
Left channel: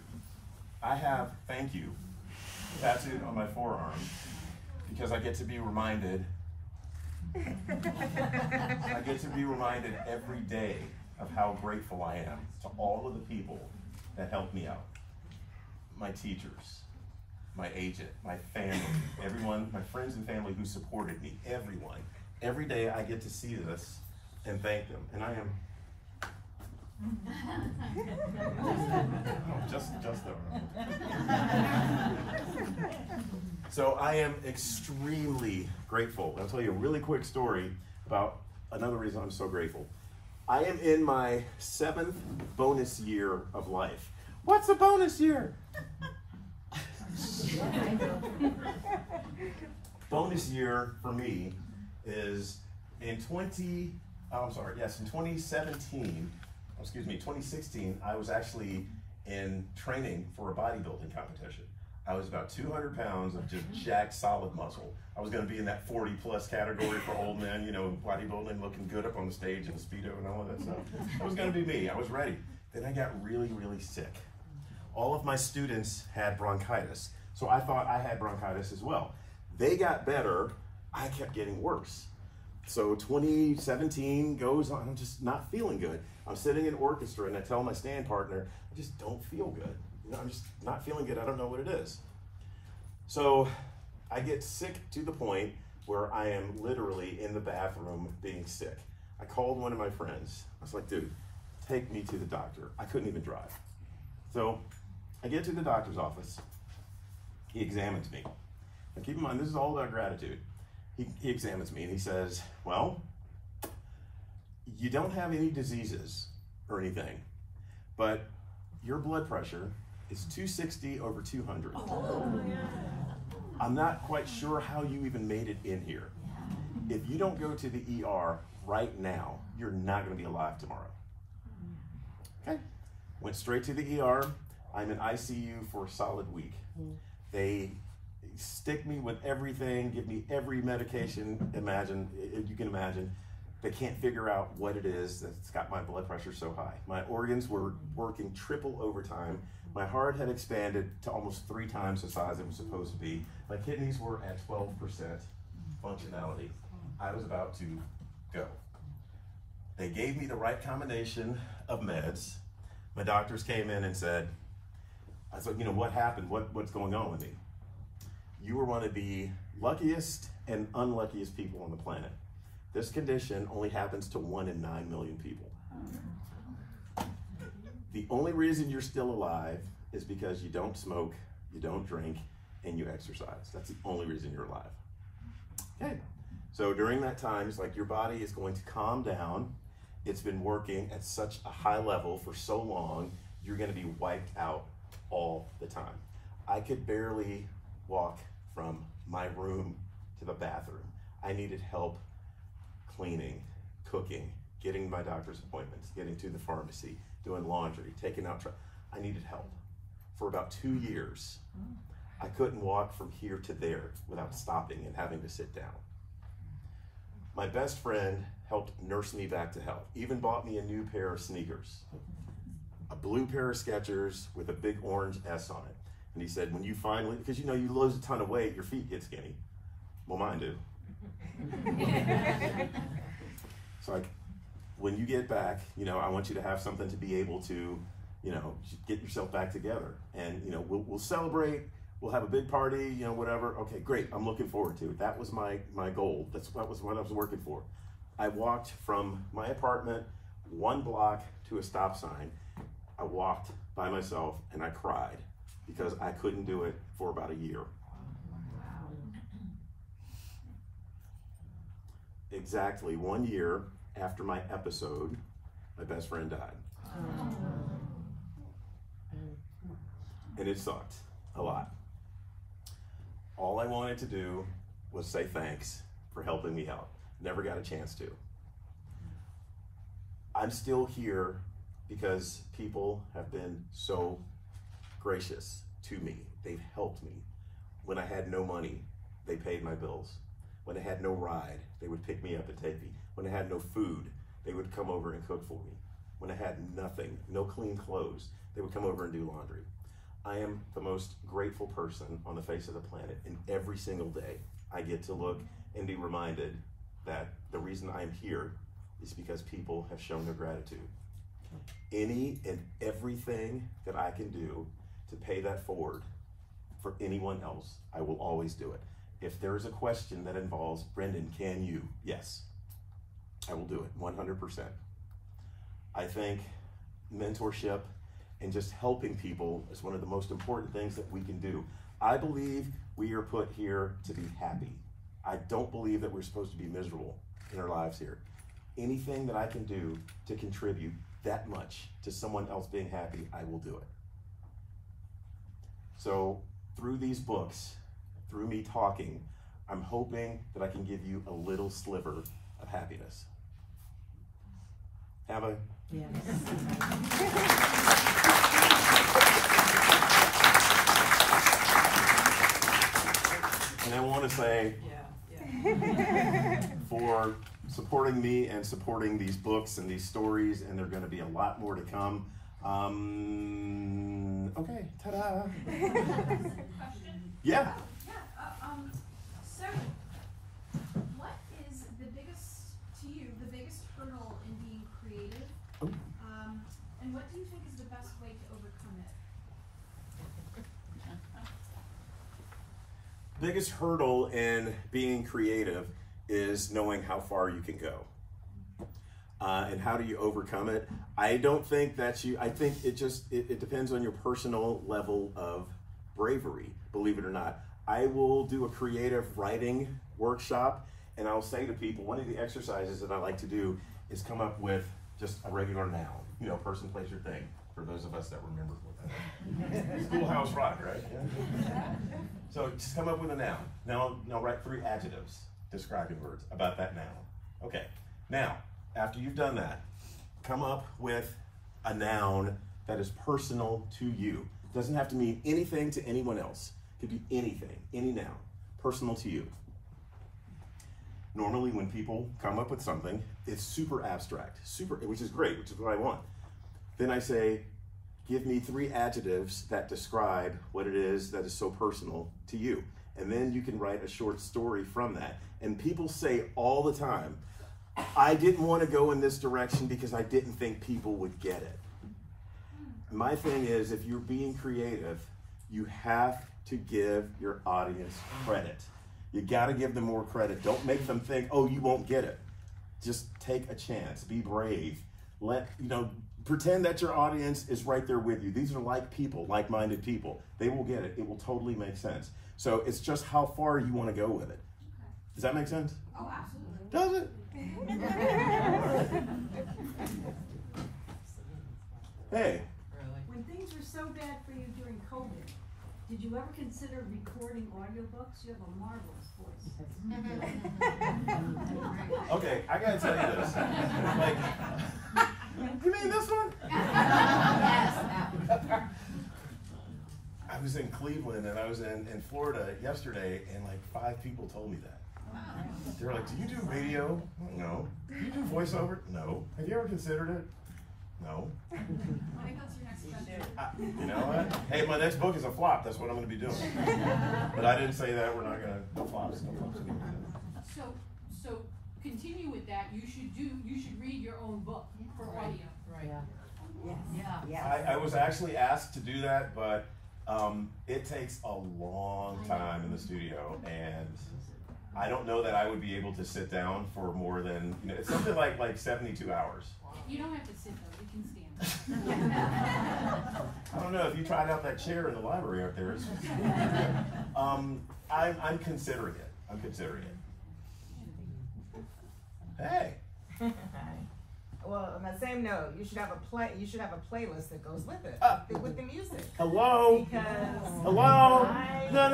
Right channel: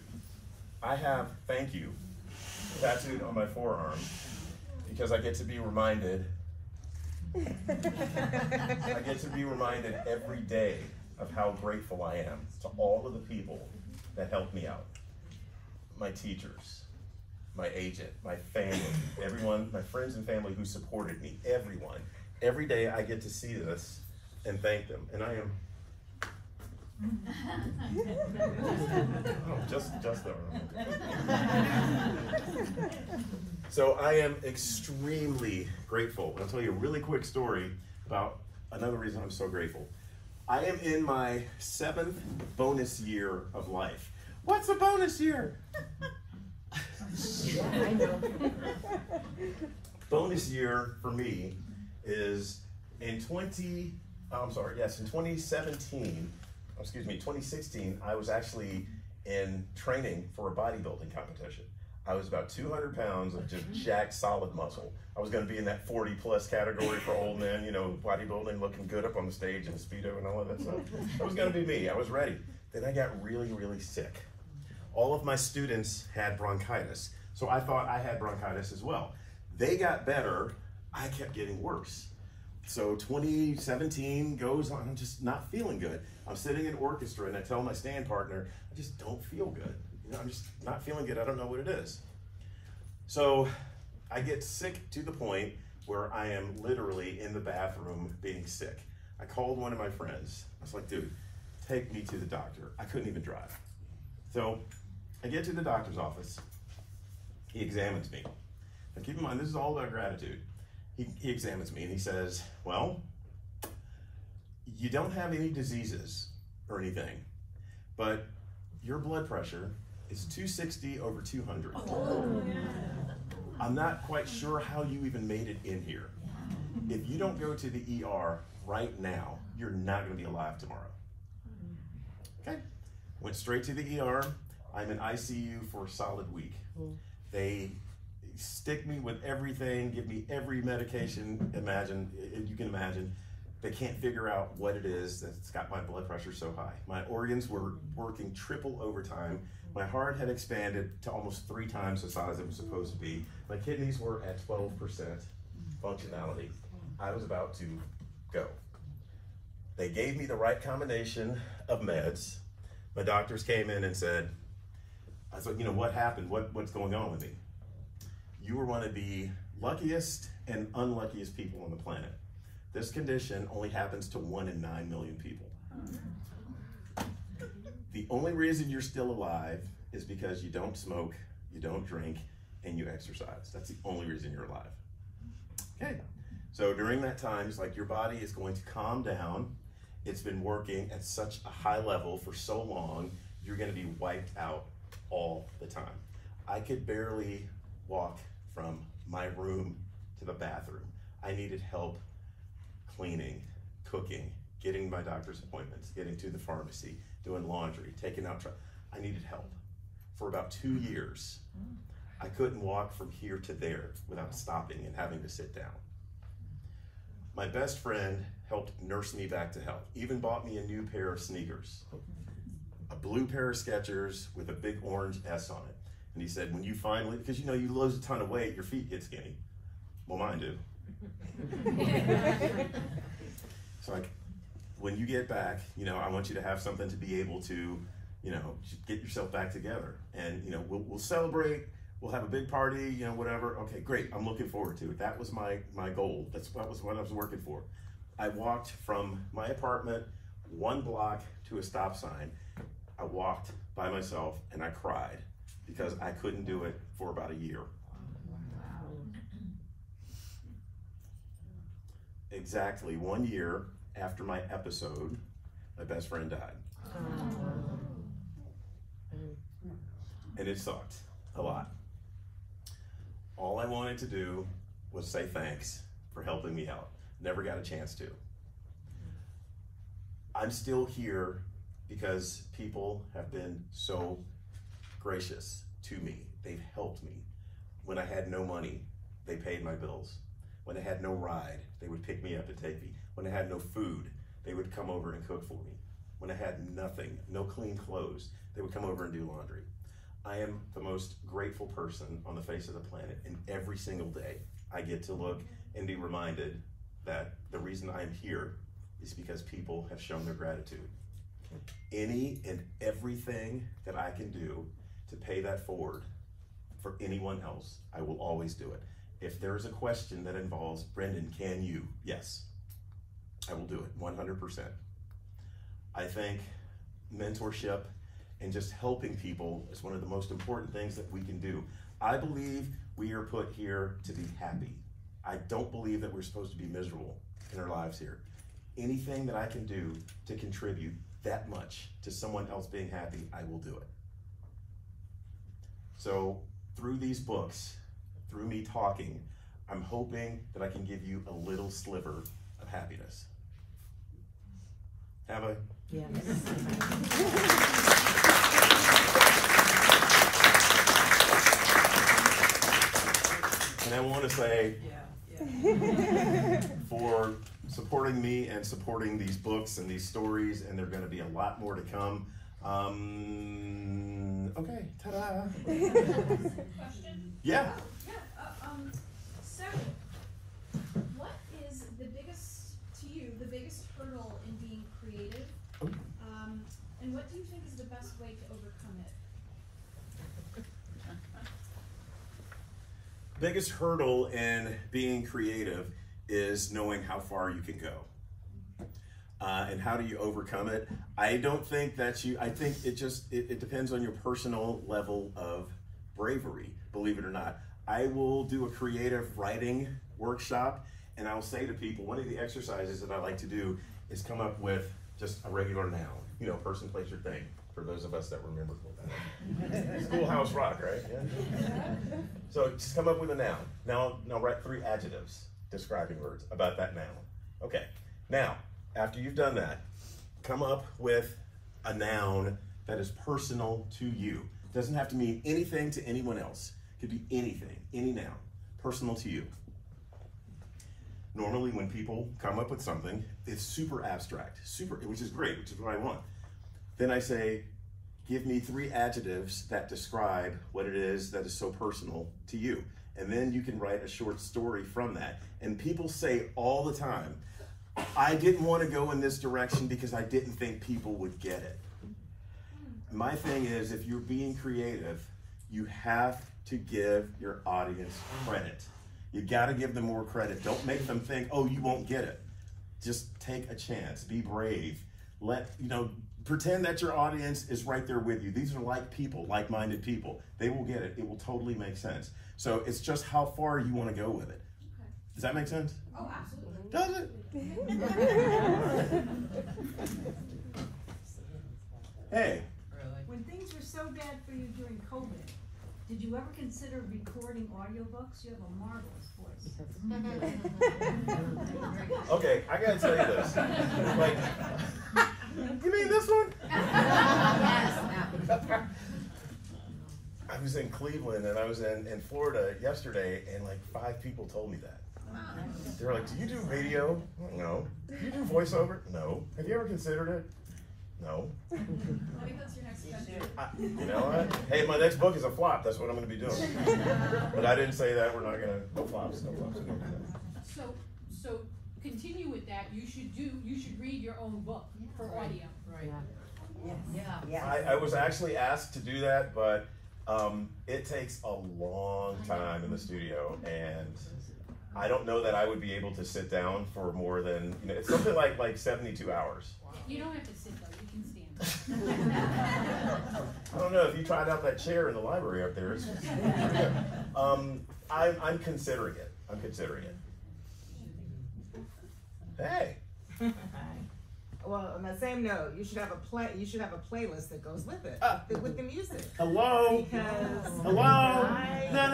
I have thank you tattooed on my forearm because I get to be reminded every day of how grateful I am to all of the people that helped me out. My teachers, my agent, my family, everyone, my friends and family who supported me, everyone. Every day I get to see this and thank them. And I am just So I am extremely grateful. I'll tell you a really quick story about another reason I'm so grateful. I am in my 7th bonus year of life. What's a bonus year? Bonus year for me is in 2016, I was actually in training for a bodybuilding competition. I was about 200 pounds of just jacked solid muscle. I was gonna be in that 40 plus category for old men, you know, bodybuilding, looking good up on the stage in Speedo and all of that stuff. That was gonna be me, I was ready. Then I got really, really sick. All of my students had bronchitis, so I thought I had bronchitis as well. They got better, I kept getting worse. So 2017 goes on, I'm just not feeling good. I'm sitting in orchestra and I tell my stand partner, I just don't feel good. You know, I'm just not feeling good, I don't know what it is. So I get sick to the point where I am literally in the bathroom being sick. I called one of my friends. I was like, dude, take me to the doctor. I couldn't even drive. So I get to the doctor's office. He examines me. Now keep in mind, this is all about gratitude. He examines me and he says, well, you don't have any diseases or anything, but your blood pressure is 260 over 200. Oh, yeah. I'm not quite sure how you even made it in here. If you don't go to the ER right now, you're not gonna be alive tomorrow. Okay, went straight to the ER. I'm in ICU for a solid week. They stick me with everything, give me every medication you can imagine. They can't figure out what it is that's got my blood pressure so high. My organs were working triple overtime. My heart had expanded to almost 3 times the size it was supposed to be. My kidneys were at 12% functionality. I was about to go. They gave me the right combination of meds. My doctors came in and said, I said, you know, what happened? What's going on with me? You were one of the luckiest and unluckiest people on the planet. This condition only happens to 1 in 9 million people. The only reason you're still alive is because you don't smoke, you don't drink, and you exercise. That's the only reason you're alive. Okay, so during that time, it's like your body is going to calm down. It's been working at such a high level for so long, you're gonna be wiped out all the time. I could barely walk from my room to the bathroom. I needed help cleaning, cooking, getting my doctor's appointments, getting to the pharmacy, doing laundry, taking out trash. I needed help. For about 2 years, I couldn't walk from here to there without stopping and having to sit down. My best friend helped nurse me back to health, even bought me a new pair of sneakers, a blue pair of Skechers with a big orange S on it. And he said, when you finally, because you know, you lose a ton of weight, your feet get skinny. Well, mine do. So like, when you get back, you know, I want you to have something to be able to, you know, get yourself back together. And, you know, we'll celebrate, we'll have a big party, you know, whatever. Okay, great, I'm looking forward to it. That was my goal. That was what I was working for. I walked from my apartment 1 block to a stop sign. I walked by myself and I cried because I couldn't do it for about a year. exactly 1 year after my episode, my best friend died. And it sucked a lot. All I wanted to do was say thanks for helping me out. Never got a chance to. I'm still here because people have been so gracious to me. They've helped me. When I had no money, they paid my bills. When I had no ride, they would pick me up and take me. When I had no food, they would come over and cook for me. When I had nothing, no clean clothes, they would come over and do laundry. I am the most grateful person on the face of the planet, and every single day I get to look and be reminded that the reason I'm here is because people have shown their gratitude. Any and everything that I can do to pay that forward for anyone else, I will always do it. If there's a question that involves, Brendan, can you? Yes, I will do it 100%. I think mentorship and just helping people is one of the most important things that we can do. I believe we are put here to be happy. I don't believe that we're supposed to be miserable in our lives here. Anything that I can do to contribute that much to someone else being happy, I will do it. So through these books, through me talking, I'm hoping that I can give you a little sliver of happiness. Have I? Yes. And I want to say, for supporting me and supporting these books and these stories, and there are going to be a lot more to come. Okay, ta-da. Yeah. So, what is the biggest, to you, the biggest hurdle in being creative? And what do you think is the best way to overcome it? Biggest hurdle in being creative is knowing how far you can go. And how do you overcome it? I don't think that I think it depends on your personal level of bravery, believe it or not. I will do a creative writing workshop, and I'll say to people, one of the exercises that I like to do is come up with just a regular noun, you know, person, place, or thing, for those of us that remember what that is. Schoolhouse Rock, right? Yeah. So just come up with a noun. Now write 3 adjectives describing words about that noun. Okay, now, after you've done that, come up with a noun that is personal to you. It doesn't have to mean anything to anyone else. It could be anything, any noun, personal to you. Normally when people come up with something, it's super abstract, which is great, which is what I want. Then I say, give me 3 adjectives that describe what it is that is so personal to you. And then you can write a short story from that. And people say all the time, I didn't want to go in this direction because I didn't think people would get it. My thing is, if you're being creative, you have to give your audience credit. You got to give them more credit. Don't make them think, oh, you won't get it. Just take a chance. Be brave. Pretend that your audience is right there with you. These are like-minded people. They will get it. It will totally make sense. So it's just how far you want to go with it. Does that make sense? Oh, absolutely. Does it? Hey. When things were so bad for you during COVID, did you ever consider recording audiobooks? You have a marvelous voice. Okay, I gotta tell you this. Like, you mean this one? I was in Cleveland and I was in Florida yesterday, and like 5 people told me that. They were like, do you do radio? No. Do you do voiceover? No. Have you ever considered it? No. I think that's your next venture. You know what? Hey, my next book is a flop. That's what I'm going to be doing. But I didn't say that. We're not going to. No flops. No flops. So continue with that. You should read your own book for audio. Right. Yeah. I was actually asked to do that, but it takes a long time in the studio, and I don't know that I would be able to sit down for more than, it's something like 72 hours. You don't have to sit though, you can stand. I don't know if you tried out that chair in the library up there. I'm considering it. I'm considering it. Hey. Well, on the same note, you should have a playlist that goes with it, with the music. Hello? Because Hello? No.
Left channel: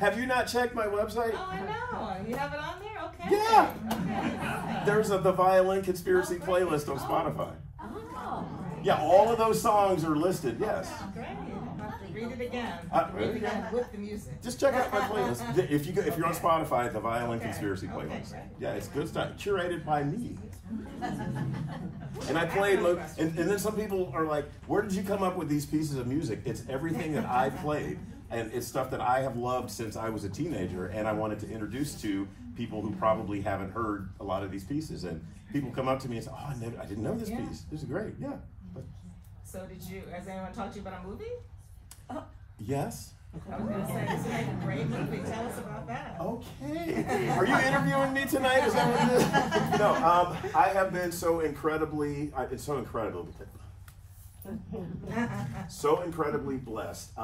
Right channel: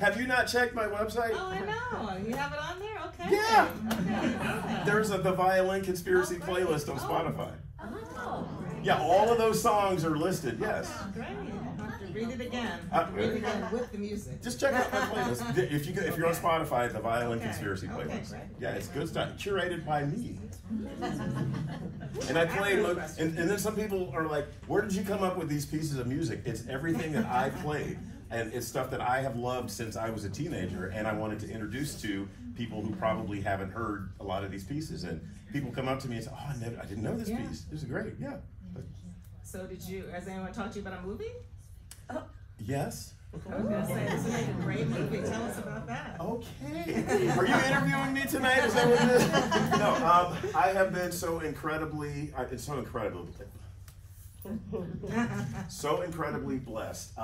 Have you not checked my website? Oh, I know. You have it on there? Okay. Yeah. Okay. There's the Violin Conspiracy playlist on Spotify. Oh. Yeah, all of those songs are listed, yes. Great. Read it again. Read it again with the music. Just check out my playlist. If you're on Spotify, the Violin Conspiracy playlist. Yeah, it's good stuff. Curated by me. And I played, and then some people are like, where did you come up with these pieces of music? It's everything that I played. And it's stuff that I have loved since I was a teenager, and I wanted to introduce to people who probably haven't heard a lot of these pieces. And people come up to me and say, oh, I didn't know this piece. This is great, yeah. So has anyone talked to you about a movie? Yes. I was going to say, this is like a great movie. Tell us about that. Okay. Are you interviewing me tonight? Is that what it is? No, I have been so incredibly blessed.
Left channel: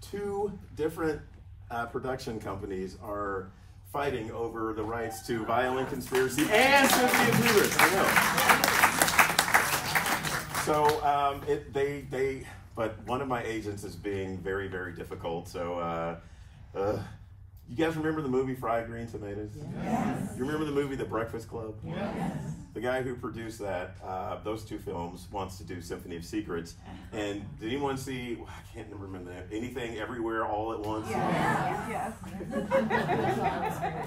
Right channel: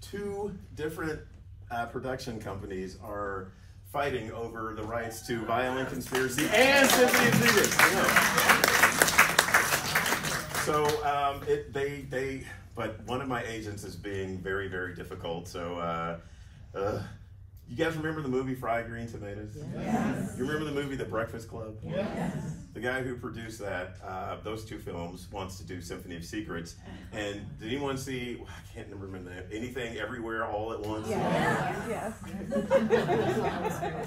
Two different production companies are fighting over the rights to Violin Conspiracy and Symphony of Judas. So but one of my agents is being very, very difficult. So you guys remember the movie Fried Green Tomatoes? Yes. You remember the movie The Breakfast Club? Yes. The guy who produced that, those two films, wants to do Symphony of Secrets. And did anyone see, I can't remember that, Anything Everywhere All at Once? Yes.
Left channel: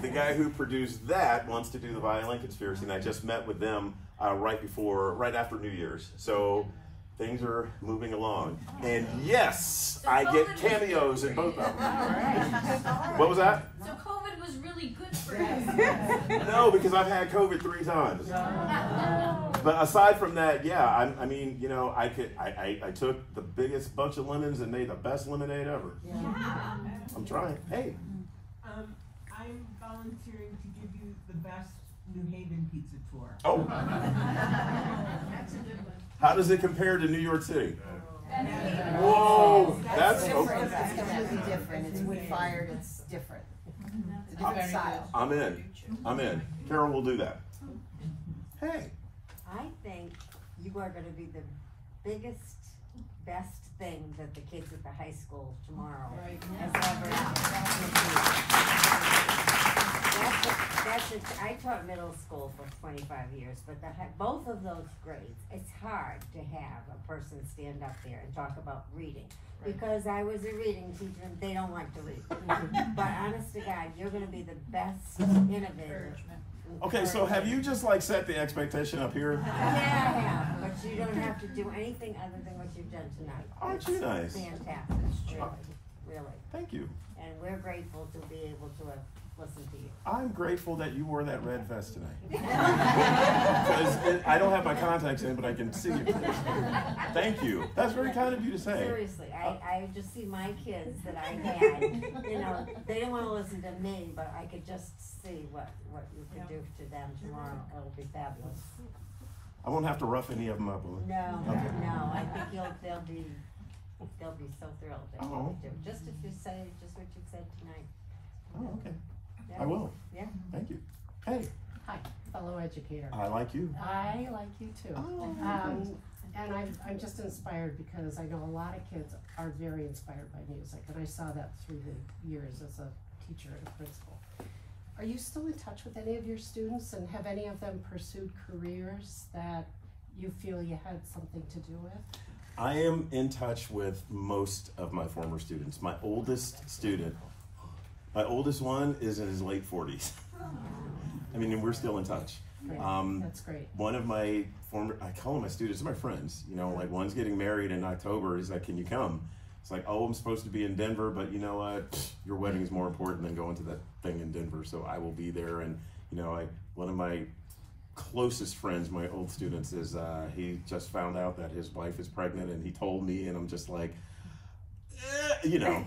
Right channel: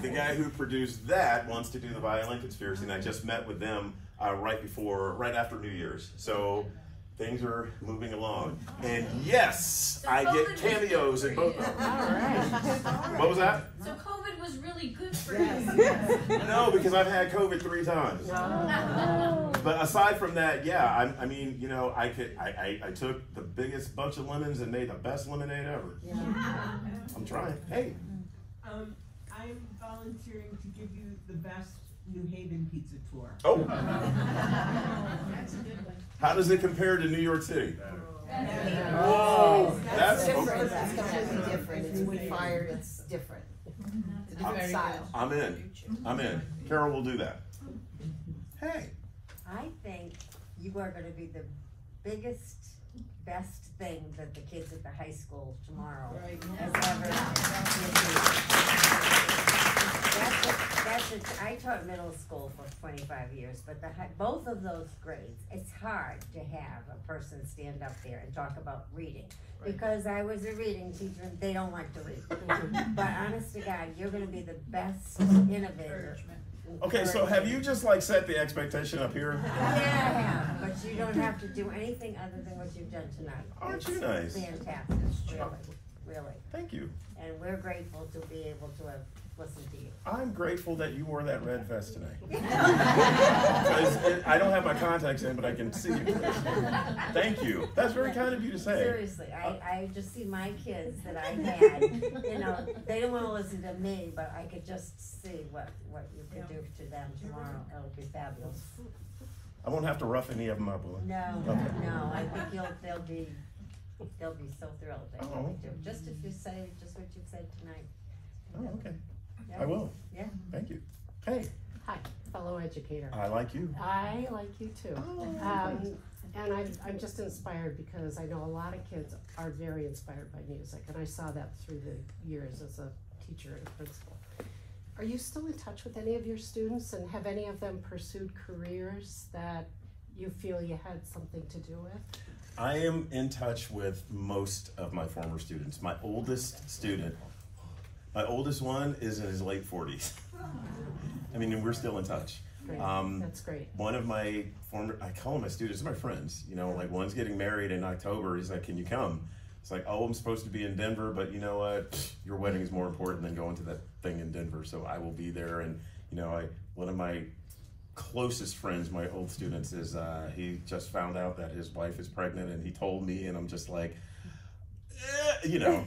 The guy who produced that wants to do the Violin Conspiracy, and I just met with them right after New Year's. So things are moving along. And yes, I get cameos in both of them. All right. What was that? So COVID was really good for you. No, because I've had COVID 3 times. But aside from that, yeah, I mean, you know, I took the biggest bunch of lemons and made the best lemonade ever. Yeah. I'm trying. Hey. I'm volunteering to give you the best New Haven pizza tour. Oh. That's a good one. How does it compare to New York City? Whoa, that's different. It's completely different. It's wood-fired. It's different. It's a different style. I'm in. Carol will do that. Hey. I think you are going to be the biggest, best thing that the kids at the high school tomorrow I taught middle school for 25 years, but both of those grades, it's hard to have a person stand up there and talk about reading. Because I was a reading teacher, they don't like to read. But honest to God, you're going to be the best innovator. Okay, so have you just like set the expectation up here? Yeah, I have, but you don't have to do anything other than what you've done tonight. Aren't you nice? Fantastic, really. Thank you. And we're grateful to be able to have listened to you. I'm grateful that you wore that red vest tonight. Because I don't have my contacts in, but I can see you. Thank you. That's very kind of you to say. Seriously, I just see my kids that I had, you know, they don't want to listen to me, but I could just see what you could do to them tomorrow. It would be fabulous. I won't have to rough any of them up, will I? No, okay. No, I think they'll be so thrilled. Oh. Just if you say just what you said tonight. Oh, okay. Yeah. I will. Yeah. Thank you. Hey. Hi, fellow educator. I like you. I like you too. Oh, and I'm just inspired because I know a lot of kids are very inspired by music, and I saw that through the years as a teacher and a principal. Are you still in touch with any of your students, and have any of them pursued careers that you feel you had something to do with? I am in touch with most of my former students. My oldest one is in his late 40s. I mean, we're still in touch. Great. That's great. One of my I call them my students, they're my friends. You know, like one's getting married in October. He's like, can you come? It's like, oh, I'm supposed to be in Denver, but you know what? Your wedding is more important than going to that thing in Denver. So I will be there. And, you know, one of my closest friends, my old students, is he just found out that his wife is pregnant, and he told me, and I'm just like, you know.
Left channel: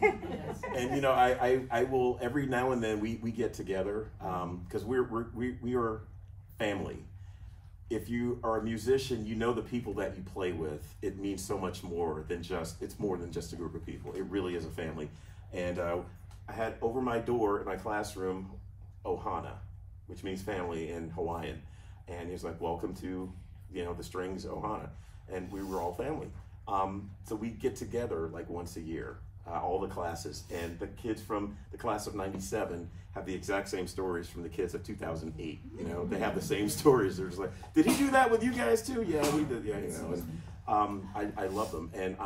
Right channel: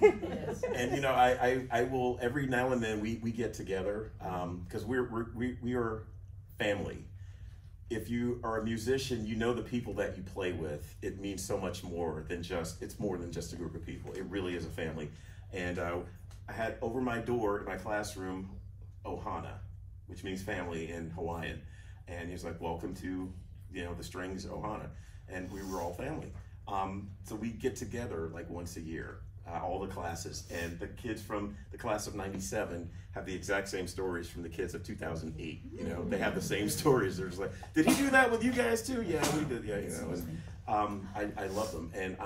And you know, I will every now and then we get together because we are family. If you are a musician, you know the people that you play with. It means so much more than it's more than just a group of people. It really is a family. And I had over my door in my classroom Ohana. which means family in Hawaiian. And he was like, welcome to, the strings Ohana. And we were all family. So we get together like once a year, all the classes, and the kids from the class of '97 have the exact same stories from the kids of 2008. They have the same stories. They're just like, did he do that with you guys too? Yeah, we did. Yeah, And, I love them, and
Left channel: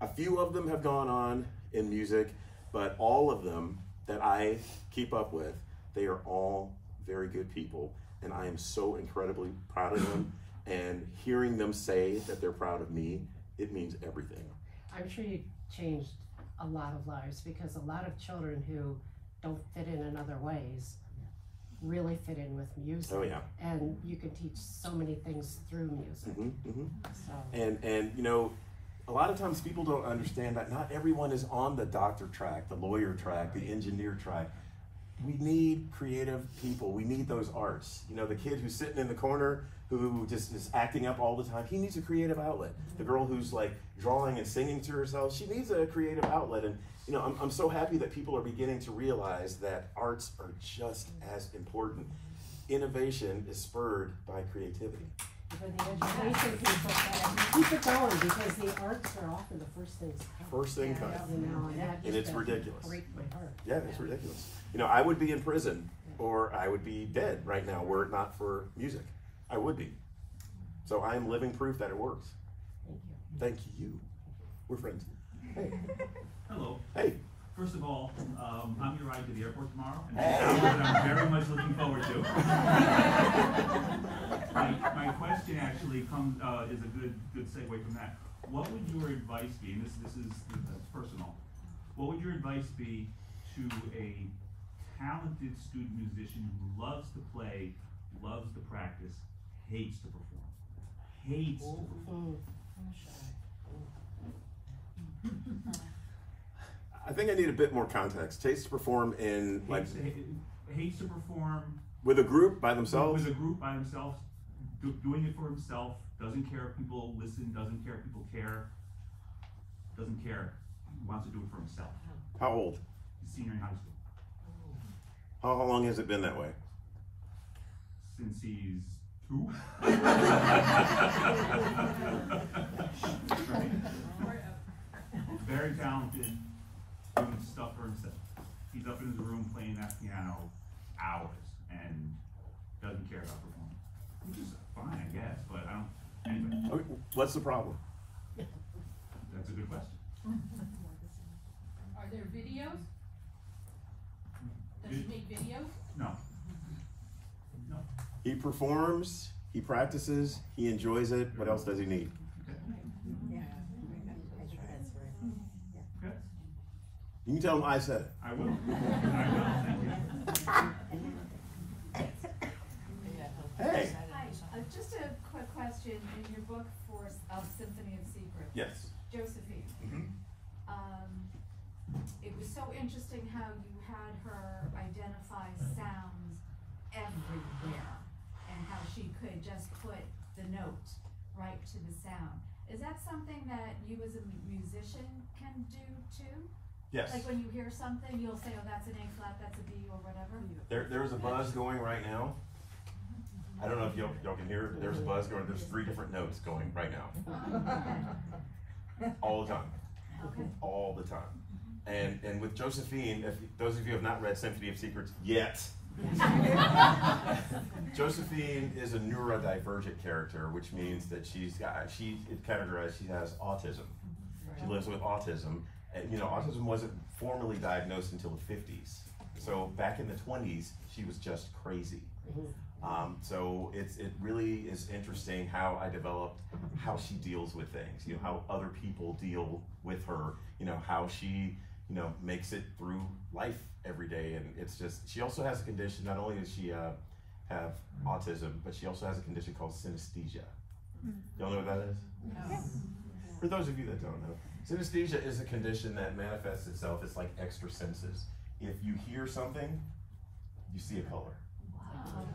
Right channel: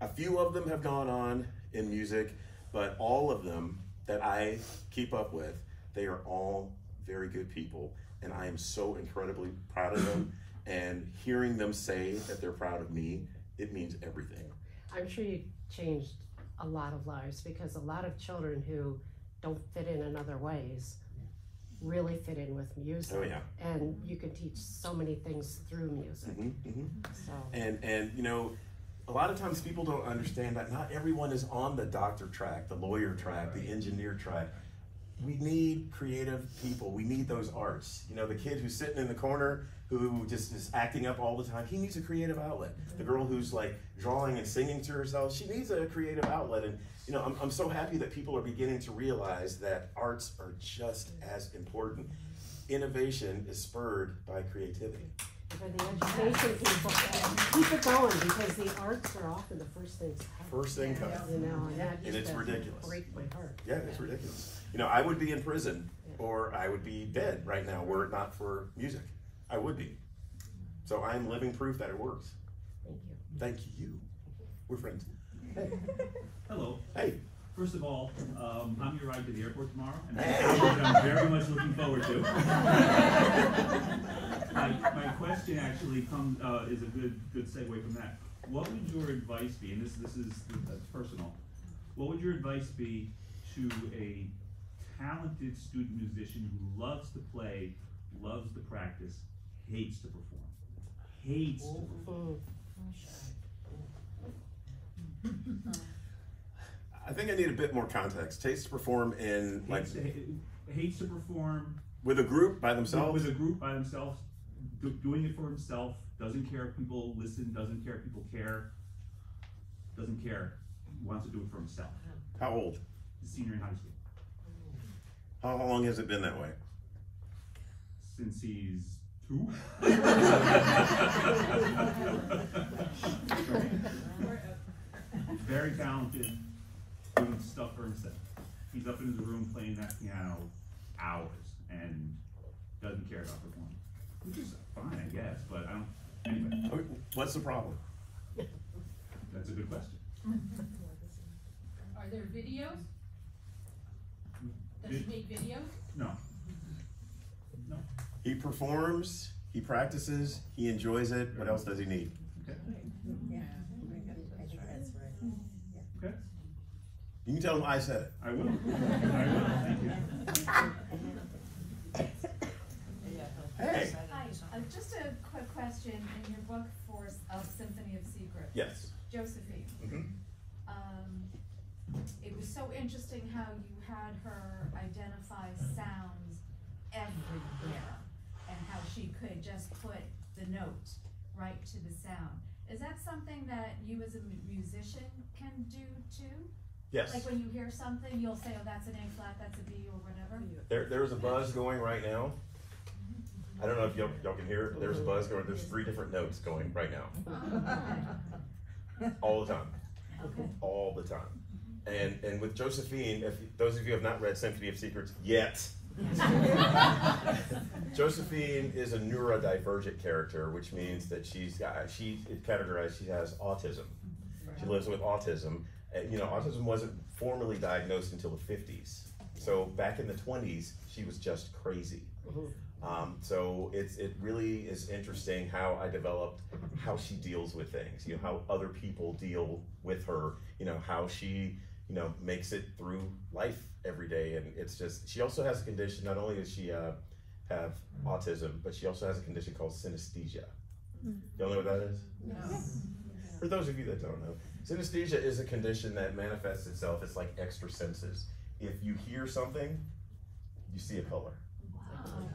a few of them have gone on in music, but all of them that I keep up with, they are all very good people, and I am so incredibly proud of them. And hearing them say that they're proud of me, it means everything. I'm sure you changed a lot of lives, because a lot of children who don't fit in other ways really fit in with music. Oh yeah. And you can teach so many things through music. So. And a lot of times people don't understand that not everyone is on the doctor track, the lawyer track, the engineer track. We need creative people. We need those arts. The kid who's sitting in the corner who just is acting up all the time, he needs a creative outlet. The girl who's like drawing and singing to herself, she needs a creative outlet. And I'm so happy that people are beginning to realize that arts are just as important. Innovation is spurred by creativity. For the education people, keep it going, because the arts are often the first things cut. First thing cut. And it's ridiculous. Break my heart. Yeah, it's ridiculous. I would be in prison, or I would be dead right now were it not for music. I would be. So I'm living proof that it works. Thank you. Thank you. We're friends. Hello. Hey. First of all, I'm your ride to the airport tomorrow, and I'm very much looking forward to. My question actually is a good segue from that. What would your advice be, and this is personal, what would your advice be to a talented student musician who loves to play, loves to practice, hates to perform? Hates to perform. I think I need a bit more context. Hates to perform in hates to perform with a group by themselves. With a group by themselves, doing it for himself. Doesn't care if people listen. Doesn't care if people care. Doesn't care. He wants to do it for himself. How old? He's a senior in high school. How long has it been that way? Since he's 2. Very talented. Doing stuff for himself. He's up in his room playing that piano hours and doesn't care about performing. Which is fine, I guess, but I don't. Anyway. Okay, what's the problem? That's a good question. Are there videos? Does he make videos? No. No. He performs, he practices, he enjoys it. What else does he need? You can tell him I said it. I will. Thank you. Hey. Hi, just a quick question. In your book, Symphony of Secrets, Yes. Josephine, it was so interesting how you had her identify sounds everywhere and how she could just put the note right to the sound. Is that something that you as a musician can do too? Yes. Like when you hear something, you'll say, oh, that's an A flat, that's a B, or whatever? There's a buzz going right now. I don't know if y'all can hear it, but there's a buzz going. There's 3 different notes going right now. All the time. Okay. All the time. And with Josephine, if those of you have not read Symphony of Secrets yet, Josephine is a neurodivergent character, which means that she's categorized, she has autism. She lives with autism. And, autism wasn't formally diagnosed until the 50s. So back in the 20s, she was just crazy. So it really is interesting how I developed how she deals with things, how other people deal with her, how she, makes it through life every day. And it's just, she also has a condition, not only does she have autism, but she also has a condition called synesthesia. Y'all know what that is? Yes. For those of you that don't know, synesthesia is a condition that manifests itself, it's like extra senses. If you hear something, you see a color. Wow.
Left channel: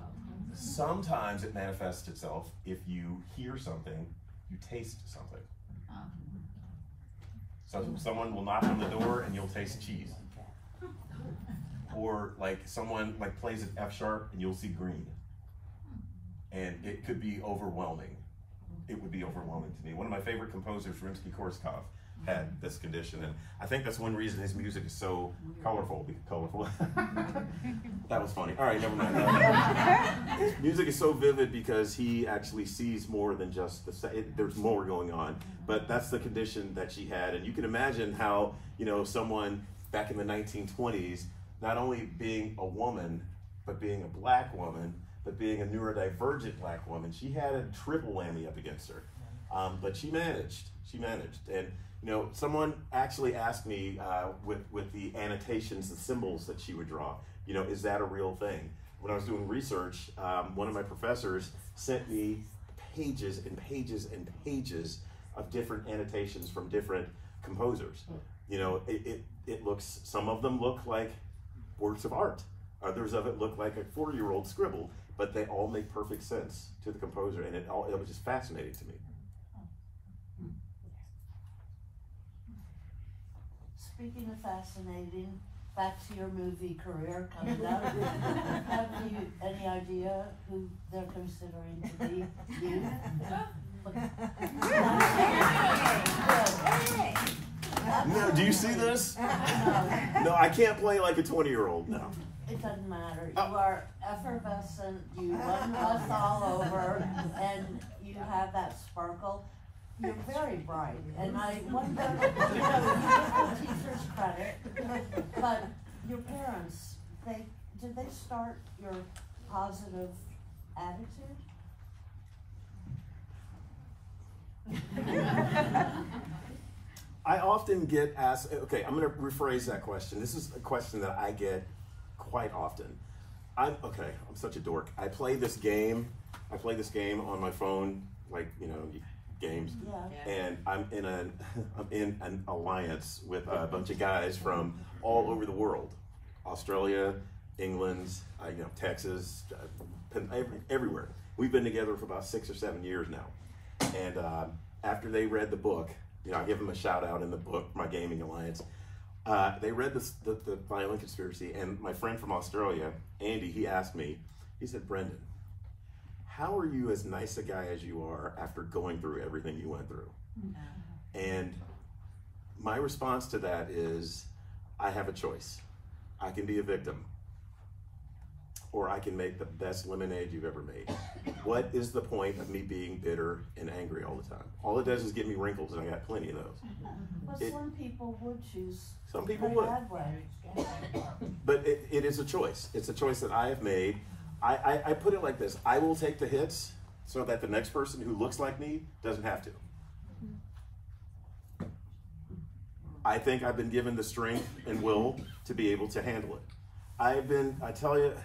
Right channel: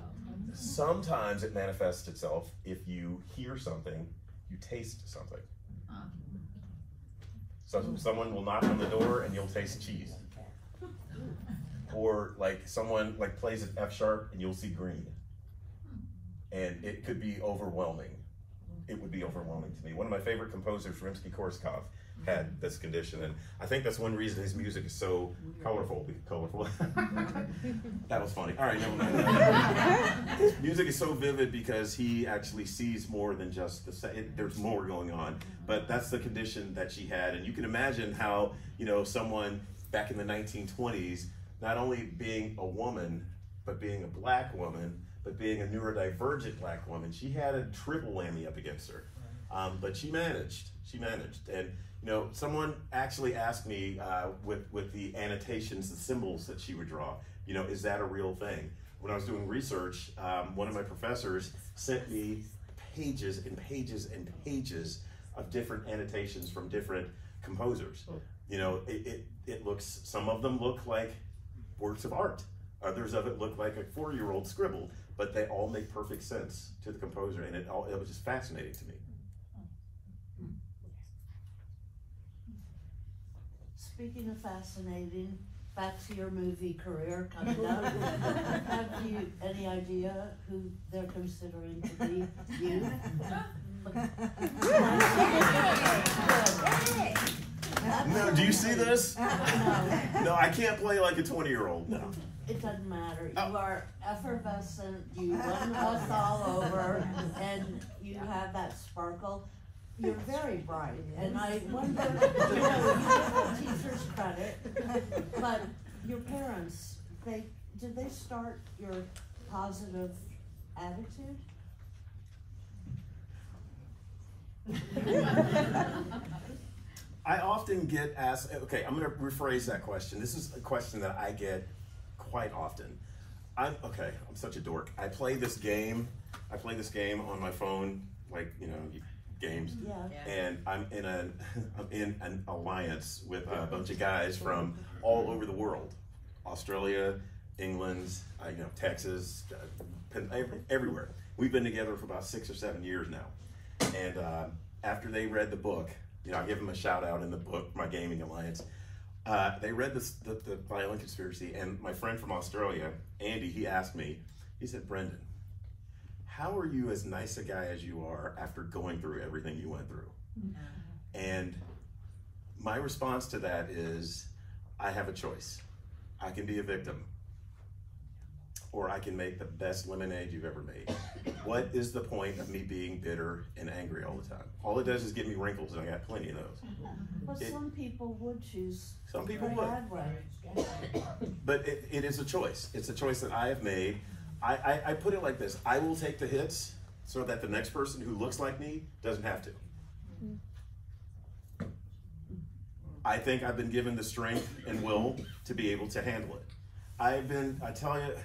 Sometimes it manifests itself if you hear something, you taste something. So someone will knock on the door and you'll taste cheese. or like someone like plays an F sharp and you'll see green. And it could be overwhelming. It would be overwhelming to me. One of my favorite composers, Rimsky-Korsakov, had this condition, and I think that's one reason his music is so colorful. That was funny. All right, never mind. His music is so vivid because he actually sees more than just there's more going on. But that's the condition that she had, and you can imagine how, you know, someone back in the 1920s, not only being a woman, but being a black woman, but being a neurodivergent black woman, she had a triple whammy up against her. But she managed. And you know, someone actually asked me with the annotations, the symbols that she would draw, you know, is that a real thing? When I was doing research, one of my professors sent me pages and pages and pages of different annotations from different composers. You know, it looks, some of them look like works of art. Others of it look like a 4-year-old scribble, but they all make perfect sense to the composer, and it was just fascinating to me. Speaking of fascinating, back to your movie career coming up. Have you any idea who they're considering to be you? No, do you see this? No, I can't play like a 20-year-old, no. It doesn't matter. You are effervescent, you run all over, and you have that sparkle. You're very bright, and I wonder, you know, you give the teachers credit, but your parents, did they start your positive attitude? I often get asked, okay, I'm gonna rephrase that question. This is a question that I get quite often. I'm such a dork. I play this game on my phone, like, you know, games. Yeah. And I'm in an alliance with a bunch of guys from all over the world. Australia, England, Texas, everywhere. We've been together for about 6 or 7 years now. And after they read the book, you know, I give them a shout out in the book, my gaming alliance. They read the Violin Conspiracy, and my friend from Australia, Andy, he asked me, he said, Brendan, how are you as nice a guy as you are after going through everything you went through? And my response to that is, I have a choice. I can be a victim, or I can make the best lemonade you've ever made. What is the point of me being bitter and angry all the time? All it does is give me wrinkles, and I got plenty of those. But some people would choose. Some people would. But it is a choice. It's a choice that I have made. I put it like this: I will take the hits so that the next person who looks like me doesn't have to. I think I've been given the strength and will to be able to handle it. I tell you,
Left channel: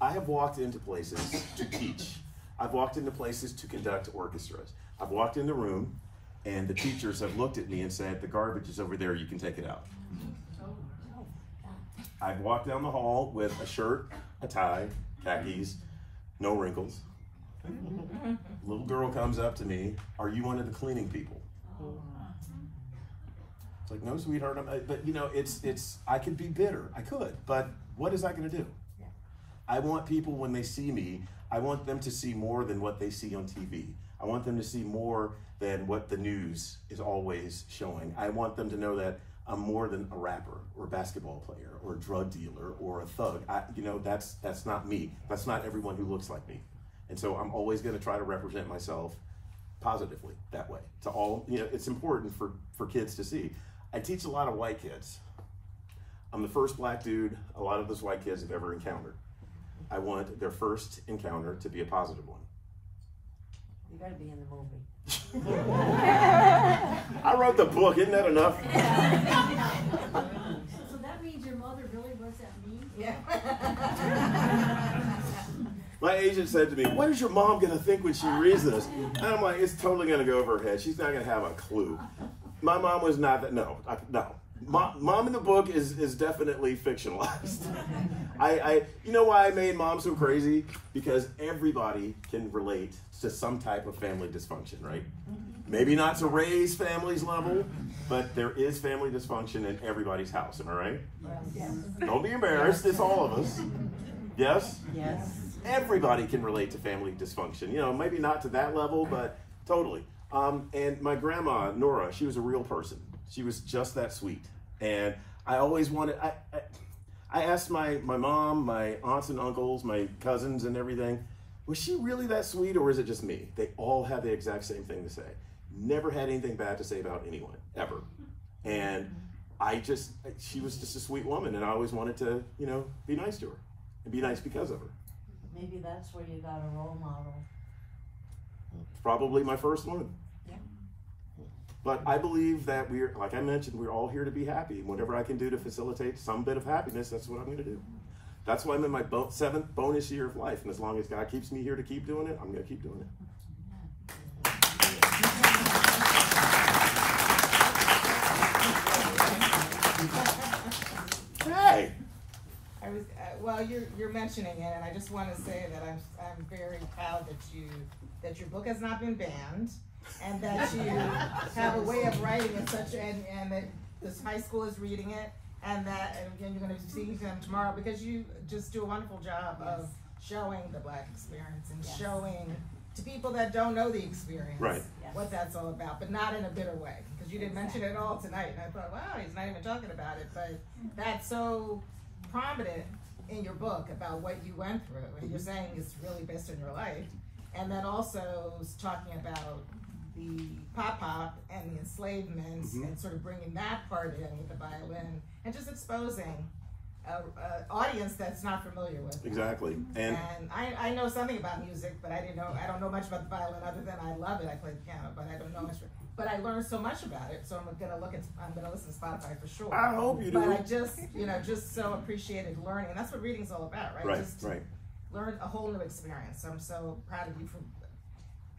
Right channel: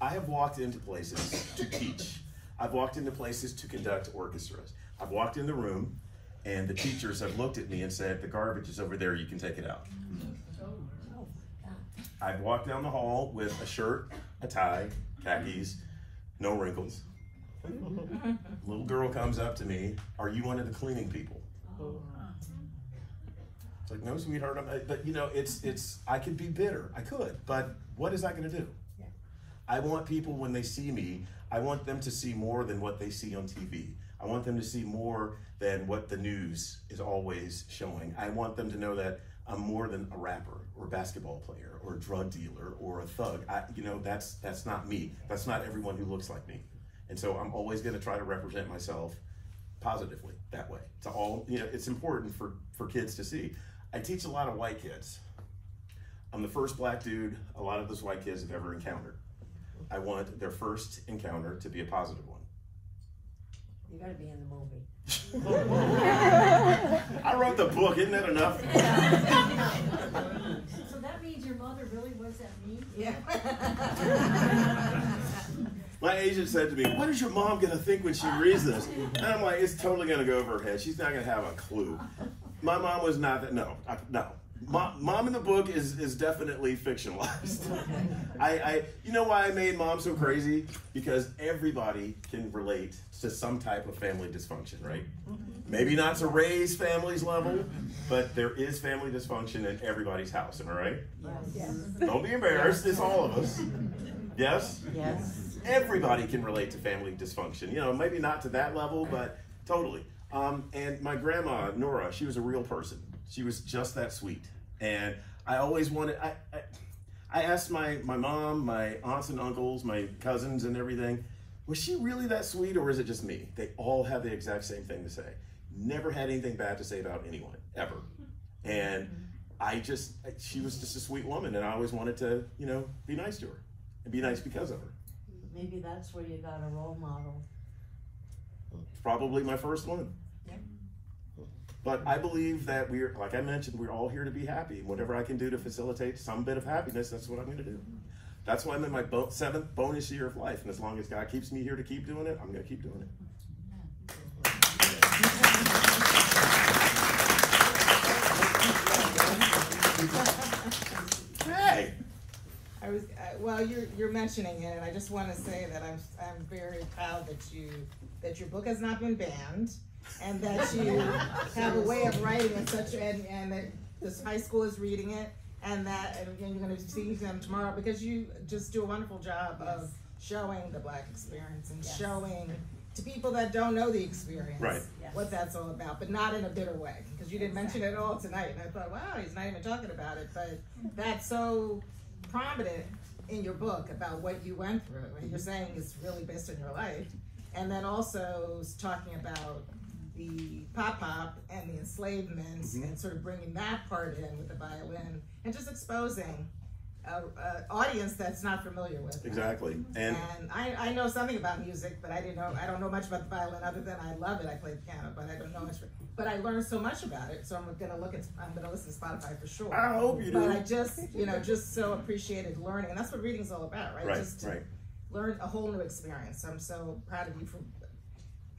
I have walked into places to teach. I've walked into places to conduct orchestras. I've walked in the room and the teachers have looked at me and said, the garbage is over there, you can take it out. I've walked down the hall with a shirt, a tie, khakis, no wrinkles. Little girl comes up to me, are you one of the cleaning people? It's like, no, sweetheart, but you know, I could be bitter, I could, but what is that gonna do? I want people, when they see me, I want them to see more than what they see on TV. I want them to see more than what the news is always showing. I want them to know that I'm more than a rapper or a basketball player or a drug dealer or a thug. You know, that's not me. That's not everyone who looks like me. And so I'm always gonna try to represent myself positively that way. To all, you know, it's important for kids to see. I teach a lot of white kids. I'm the first black dude a lot of those white kids have ever encountered. I want their first encounter to be a positive one. You gotta be in the movie. I wrote the book, isn't that enough? So that means your mother really was that mean? Yeah. My agent said to me, what is your mom gonna think when she reads this? And I'm like, it's totally gonna go over her head. She's not gonna have a clue. My mom was not that, no. Mom in the book is definitely fictionalized. You know why I made Mom so crazy? Because everybody can relate to some type of family dysfunction, right? Maybe not to raise families level, but there is family dysfunction in everybody's house, am I right? Yes. Don't be embarrassed, it's all of us. Yes? Yes. Everybody can relate to family dysfunction. You know, maybe not to that level, but totally. And my grandma, Nora, she was a real person. She was just that sweet. And I always wanted, I asked my mom, my aunts and uncles, my cousins and everything, was she really that sweet or is it just me? They all have the exact same thing to say. Never had anything bad to say about anyone, ever. And she was just a sweet woman and I always wanted to, you know, be nice to her and be nice because of her. Maybe that's where you got a role model. Probably my first one. But I believe that we're, like I mentioned, we're all here to be happy. Whatever I can do to facilitate some bit of happiness, that's what I'm going to do. That's why I'm in my 7th bonus year of life. And as long as God keeps me here to keep doing it, I'm going to keep doing it. Hey! Well, you're mentioning it, and I just want to say that I'm very proud that your book has not been banned, and that you have a way of writing in such and that this high school is reading it, and you're going to see them tomorrow because you just do a wonderful job of showing the Black experience and showing to people that don't know the experience what that's all about, but not in a bitter way, because you didn't mention it at all tonight, and I thought, wow, he's not even talking about it, but that's so prominent in your book about what you went through, and you're saying it's really based on your life, and then also talking about the pop and the enslavement and sort of bringing that part in with the violin and just exposing an audience that's not familiar with it. Exactly. And I know something about music, but I don't know much about the violin other than I love it. I play the piano, but I don't know much. But I learned so much about it, so I'm gonna listen to Spotify for sure. I hope you do. But I just so appreciated learning, and that's what reading's all about, right? Just learn a whole new experience. So I'm so proud of you for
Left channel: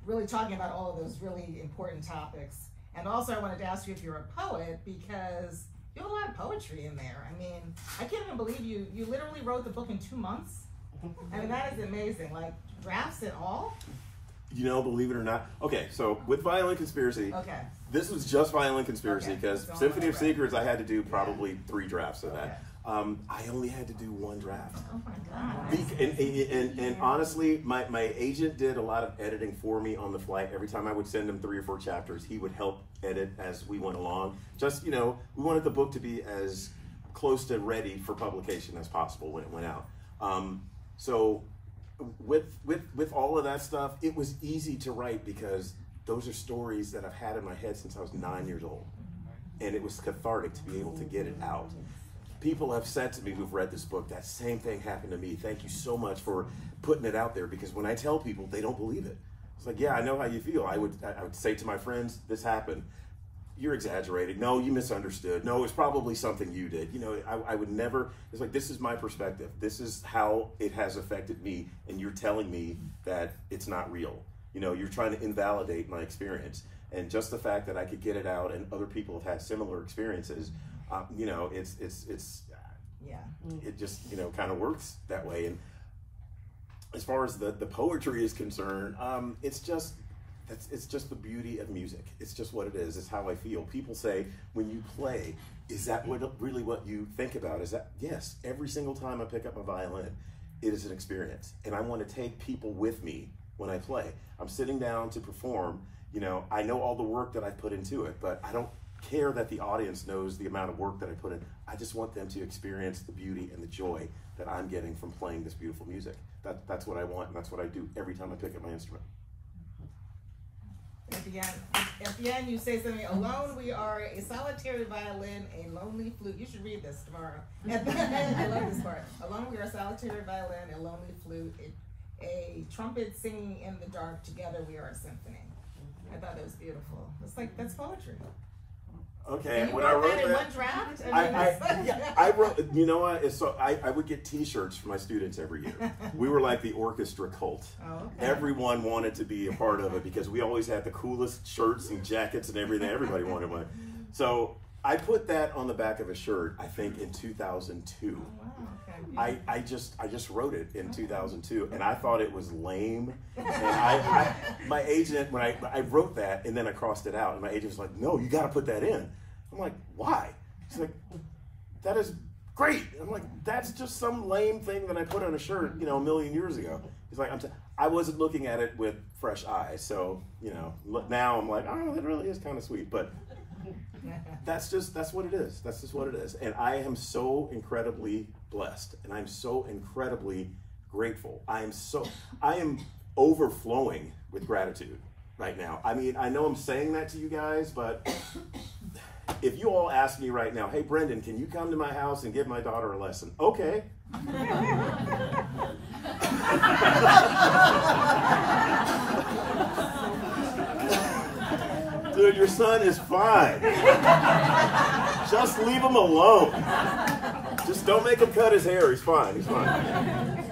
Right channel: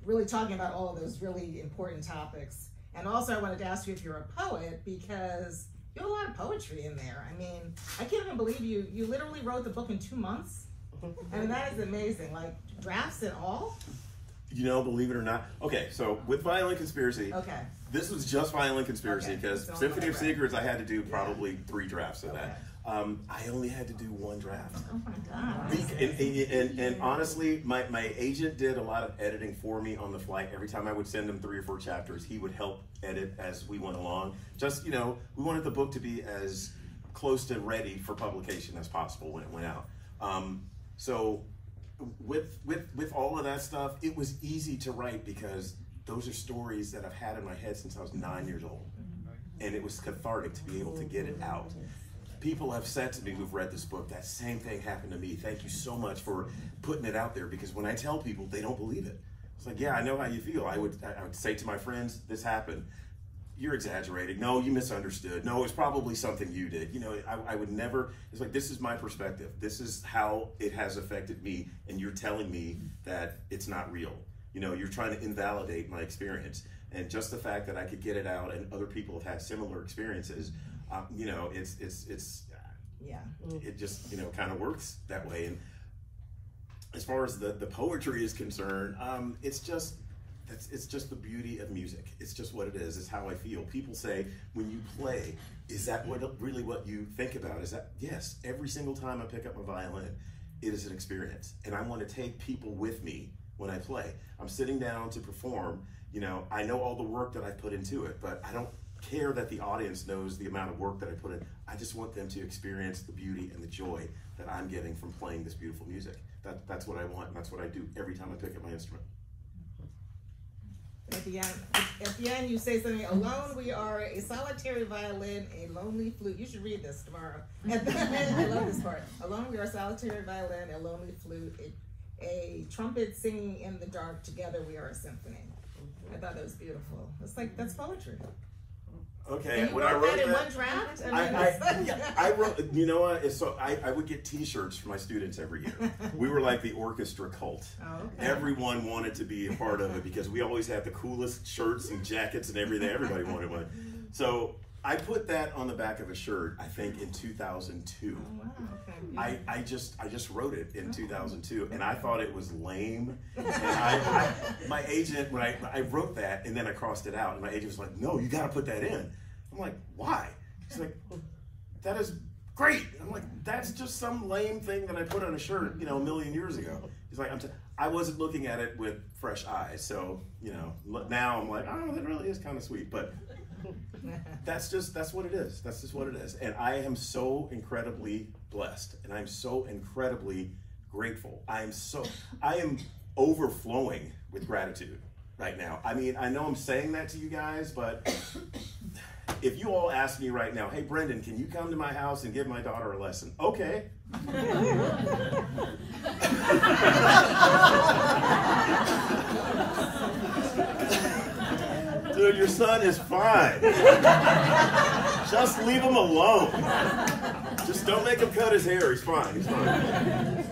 really talking about all of those really important topics. And also I wanted to ask you if you're a poet, because you have a lot of poetry in there. I mean, I can't even believe you literally wrote the book in 2 months. I mean, that is amazing. Like, drafts and all? You know, believe it or not. Okay, so with Violin Conspiracy, this was just Violin Conspiracy, because Symphony of Secrets, I had to do probably 3 drafts of that. I only had to do 1 draft. Oh my God. And honestly, my agent did a lot of editing for me on the flight. Every time I would send him 3 or 4 chapters, he would help edit as we went along. Just, you know, we wanted the book to be as close to ready for publication as possible when it went out. So with all of that stuff, it was easy to write because those are stories that I've had in my head since I was 9 years old. And it was cathartic to be able to get it out. People have said to me who've read this book, that same thing happened to me. Thank you so much for putting it out there, because when I tell people, they don't believe it. It's like, yeah, I know how you feel. I would say to my friends, this happened. You're exaggerating. No, you misunderstood. No, it's probably something you did. You know, I would never, it's like, this is my perspective. This is how it has affected me, and you're telling me that it's not real. You know, you're trying to invalidate my experience. And just the fact that I could get it out and other people have had similar experiences, you know, it just, you know, kind of works that way. And as far as the poetry is concerned, it's just the beauty of music. It's just what it is. It's how I feel. People say, when you play, is that really what you think about? Is that, yes, every single time I pick up a violin, it is an experience. And I want to take people with me when I play. I'm sitting down to perform, you know, I know all the work that I put into it, but I don't care that the audience knows the amount of work that I put in. I just want them to experience the beauty and the joy that I'm getting from playing this beautiful music. That's what I want, and that's what I do every time I pick up my instrument. At the end, you say something, alone we are a solitary violin, a lonely flute. You should read this tomorrow. I love this part. Alone we are a solitary violin, a lonely flute, a trumpet singing in the dark, together we are a symphony. I thought that was beautiful. It's like, that's poetry. Okay, when I wrote that in one draft, I wrote. You know what? So I would get T-shirts for my students every year. We were like the orchestra cult. Oh, okay. Everyone wanted to be a part of it because we always had the coolest shirts and jackets and everything. Everybody wanted one. So I put that on the back of a shirt, I think in 2002. I just wrote it in 2002, and I thought it was lame. And my agent, when I wrote that, and then I crossed it out, and my agent was like, "No, you got to put that in." I'm like, "Why?" He's like, "That is great." I'm like, "That's just some lame thing that I put on a shirt, you know, a million years ago." He's like, I wasn't looking at it with fresh eyes, so you know, now I'm like, "Oh, that really is kind of sweet," but. That's what it is. That's just what it is. And I am so incredibly blessed, and I'm so incredibly grateful. I am overflowing with gratitude right now. I mean, I know I'm saying that to you guys, but if you all ask me right now, "Hey, Brendan, can you come to my house and give my daughter a lesson?" Okay. Dude, your son is fine. Just leave him alone. Just don't make him cut his hair. He's fine. He's fine.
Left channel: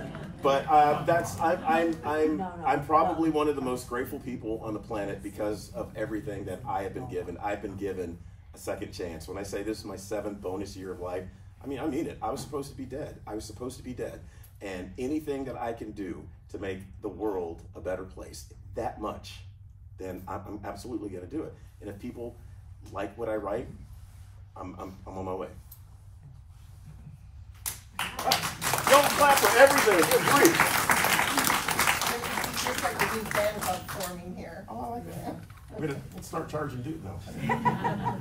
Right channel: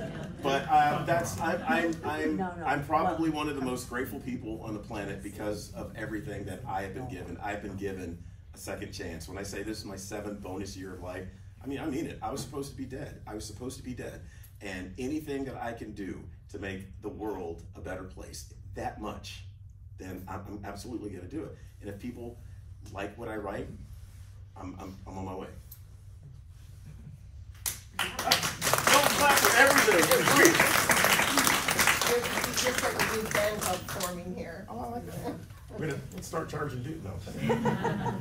But I'm probably one of the most grateful people on the planet because of everything that I have been given. I've been given a second chance. When I say this is my 7th bonus year of life, I mean it. I was supposed to be dead. I was supposed to be dead. And anything that I can do to make the world a better place, that much, then I'm absolutely going to do it. And if people like what I write, I'm on my way. Don't clap for everything. It's free. It's just like a new fan club forming here. Oh, I like that. Let's start charging dude though.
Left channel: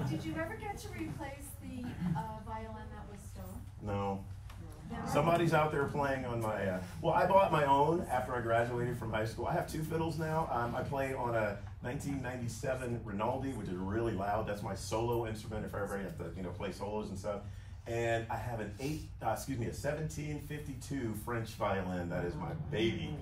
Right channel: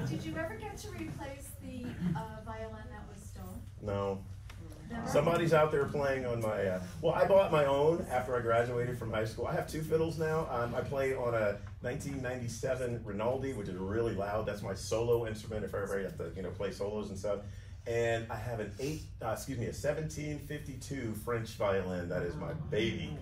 Did you ever get to replace the violin that was stolen? No. Never? Somebody's out there playing on my, well, I bought my own after I graduated from high school. I have 2 fiddles now. I play on a 1997 Rinaldi, which is really loud. That's my solo instrument if I ever have to, you know, play solos and stuff. And I have a 1752 French violin. That is my baby.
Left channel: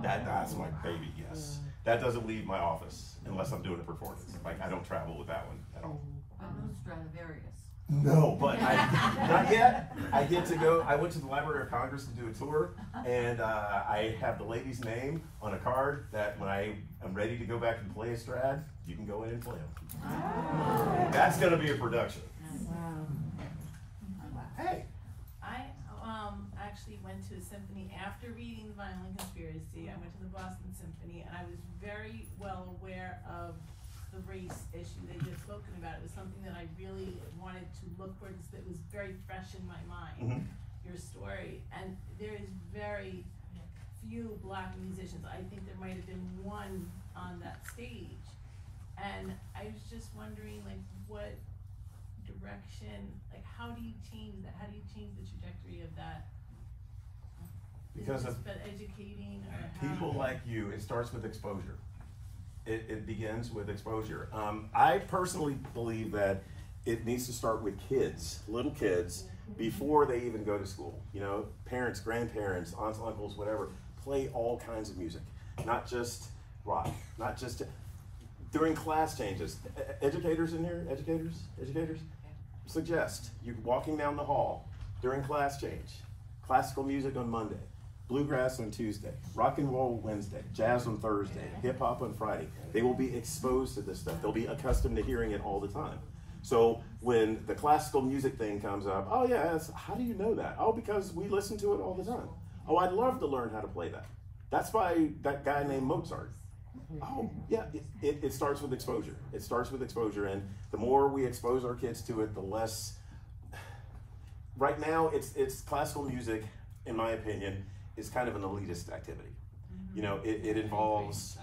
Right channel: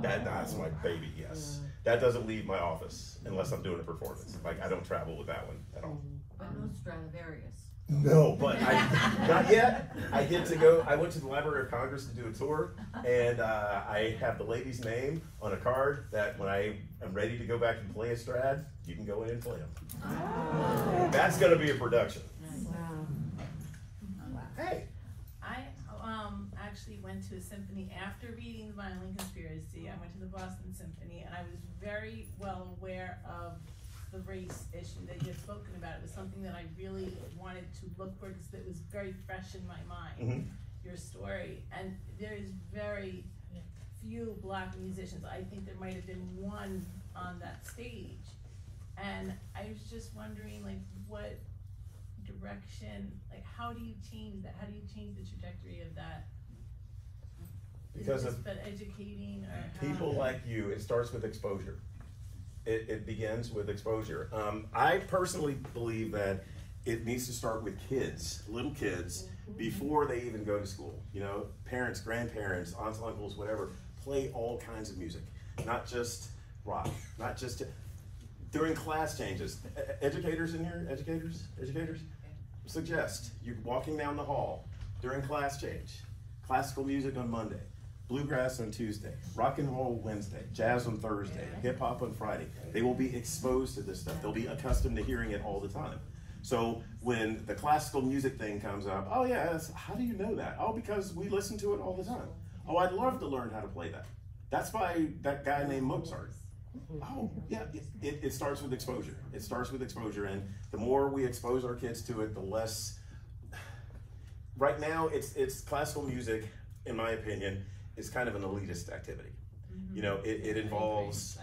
That's my baby, yes. That doesn't leave my office unless I'm doing a performance. Like, I don't travel with that one at all. But no Stradivarius. No, but not yet. I get to go. I went to the Library of Congress to do a tour, and I have the lady's name on a card that when I am ready to go back and play a Strad, you can go in and play them. Oh. That's going to be a production. Wow. Hey. I actually went to a symphony after reading the Violin Conspiracy. I went to the Boston Symphony, and I was very well aware of the race issue that you had spoken about. It was something that I really wanted to look for because it was very fresh in my mind, your story. And there's very few Black musicians. I think there might have been one on that stage. And I was just wondering, like, what direction, like, how do you change that? How do you change the trajectory of that? Because of educating or people like you, it starts with exposure. It begins with exposure. I personally believe that it needs to start with kids, little kids, before they even go to school. You know, parents, grandparents, aunts, uncles, whatever, play all kinds of music, not just rock, not just during class changes. Educators in here, educators, suggest you're walking down the hall during class change, classical music on Monday, bluegrass on Tuesday, rock and roll Wednesday, jazz on Thursday, hip hop on Friday. They will be exposed to this stuff. They'll be accustomed to hearing it all the time. So when the classical music thing comes up, oh yeah, how do you know that? Oh, because we listen to it all the time. Oh, I'd love to learn how to play that. That's by that guy named Mozart. Oh yeah, it starts with exposure. It starts with exposure, and the more we expose our kids to it, the less. Right now, it's classical music, in my opinion, is kind of an elitist activity. You know, it involves,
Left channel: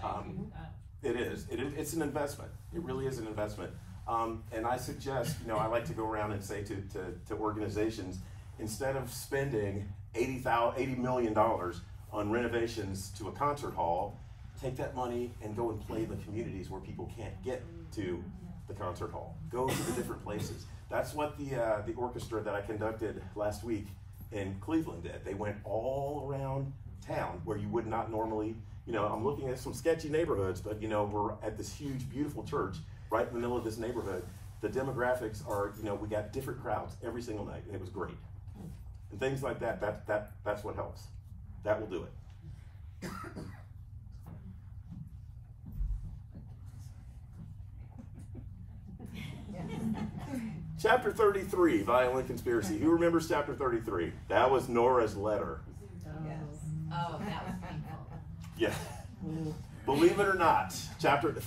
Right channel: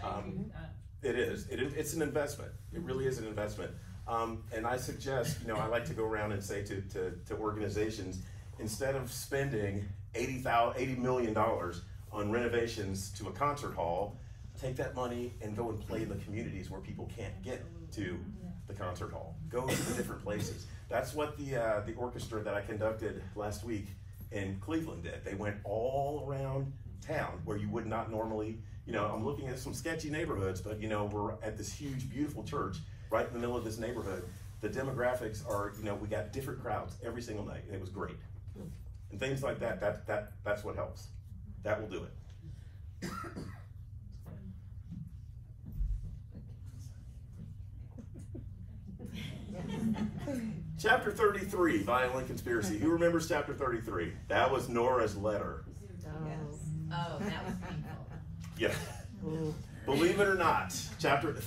it's an investment. It really is an investment. And I suggest, you know, I like to go around and say to organizations, instead of spending $80 million on renovations to a concert hall, take that money and go and play in the communities where people can't get to the concert hall. Go to the different places. That's what the orchestra that I conducted last week in Cleveland did. They went all around town where you would not normally, you know, I'm looking at some sketchy neighborhoods, but you know, we're at this huge, beautiful church right in the middle of this neighborhood. The demographics are, you know, we got different crowds every single night, and it was great. And things like that, that's what helps. That will do it. Chapter 33, Violin Conspiracy. Who remembers chapter 33? That was Nora's letter. Oh, that was painful. Yeah. Believe it or not,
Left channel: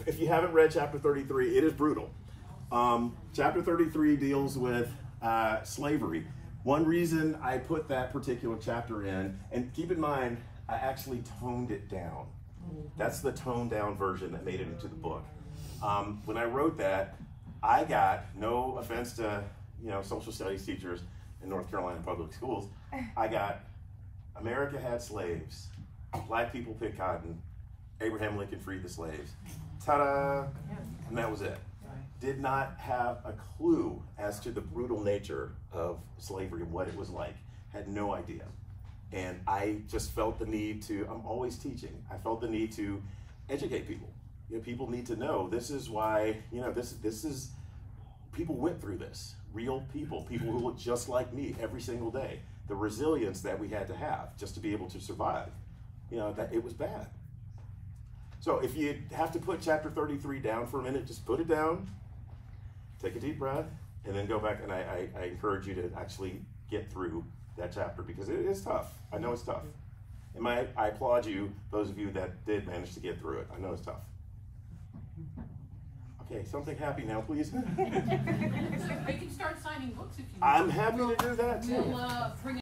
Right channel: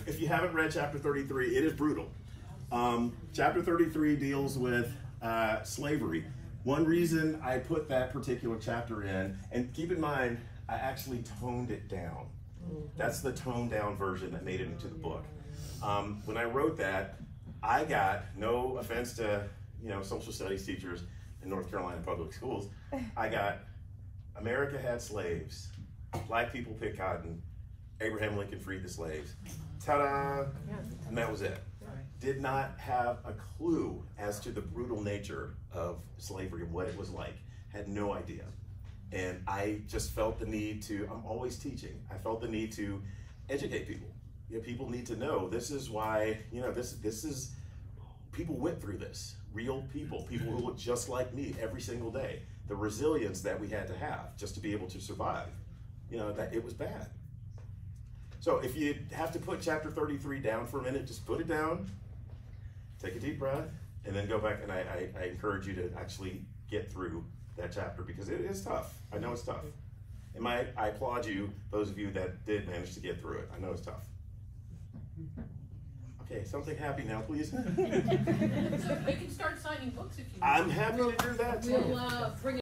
if you haven't read chapter 33, it is brutal. Chapter 33 deals with slavery. One reason I put that particular chapter in, and keep in mind, I actually toned it down. That's the toned down version that made it into the book. When I wrote that, I got, no offense to social studies teachers in North Carolina public schools, I got America had slaves, black people picked cotton, Abraham Lincoln freed the slaves. Ta-da! And that was it. Did not have a clue as to the brutal nature of slavery and what it was like. Had no idea. And I just felt the need to, I'm always teaching, I felt the need to educate people. People need to know this is why, this is, people went through this. Real people who look just like me every single day. The resilience that we had to have just to be able to survive. That it was bad. So if you have to put chapter 33 down for a minute, just put it down, take a deep breath, and then go back, and I encourage you to actually get through that chapter because it is tough. I know it's tough. And I applaud you, those of you that did manage to get through it. I know it's tough. Okay, something happy now, please. We can start signing books if you want. I'm happy to do that too. We'll bring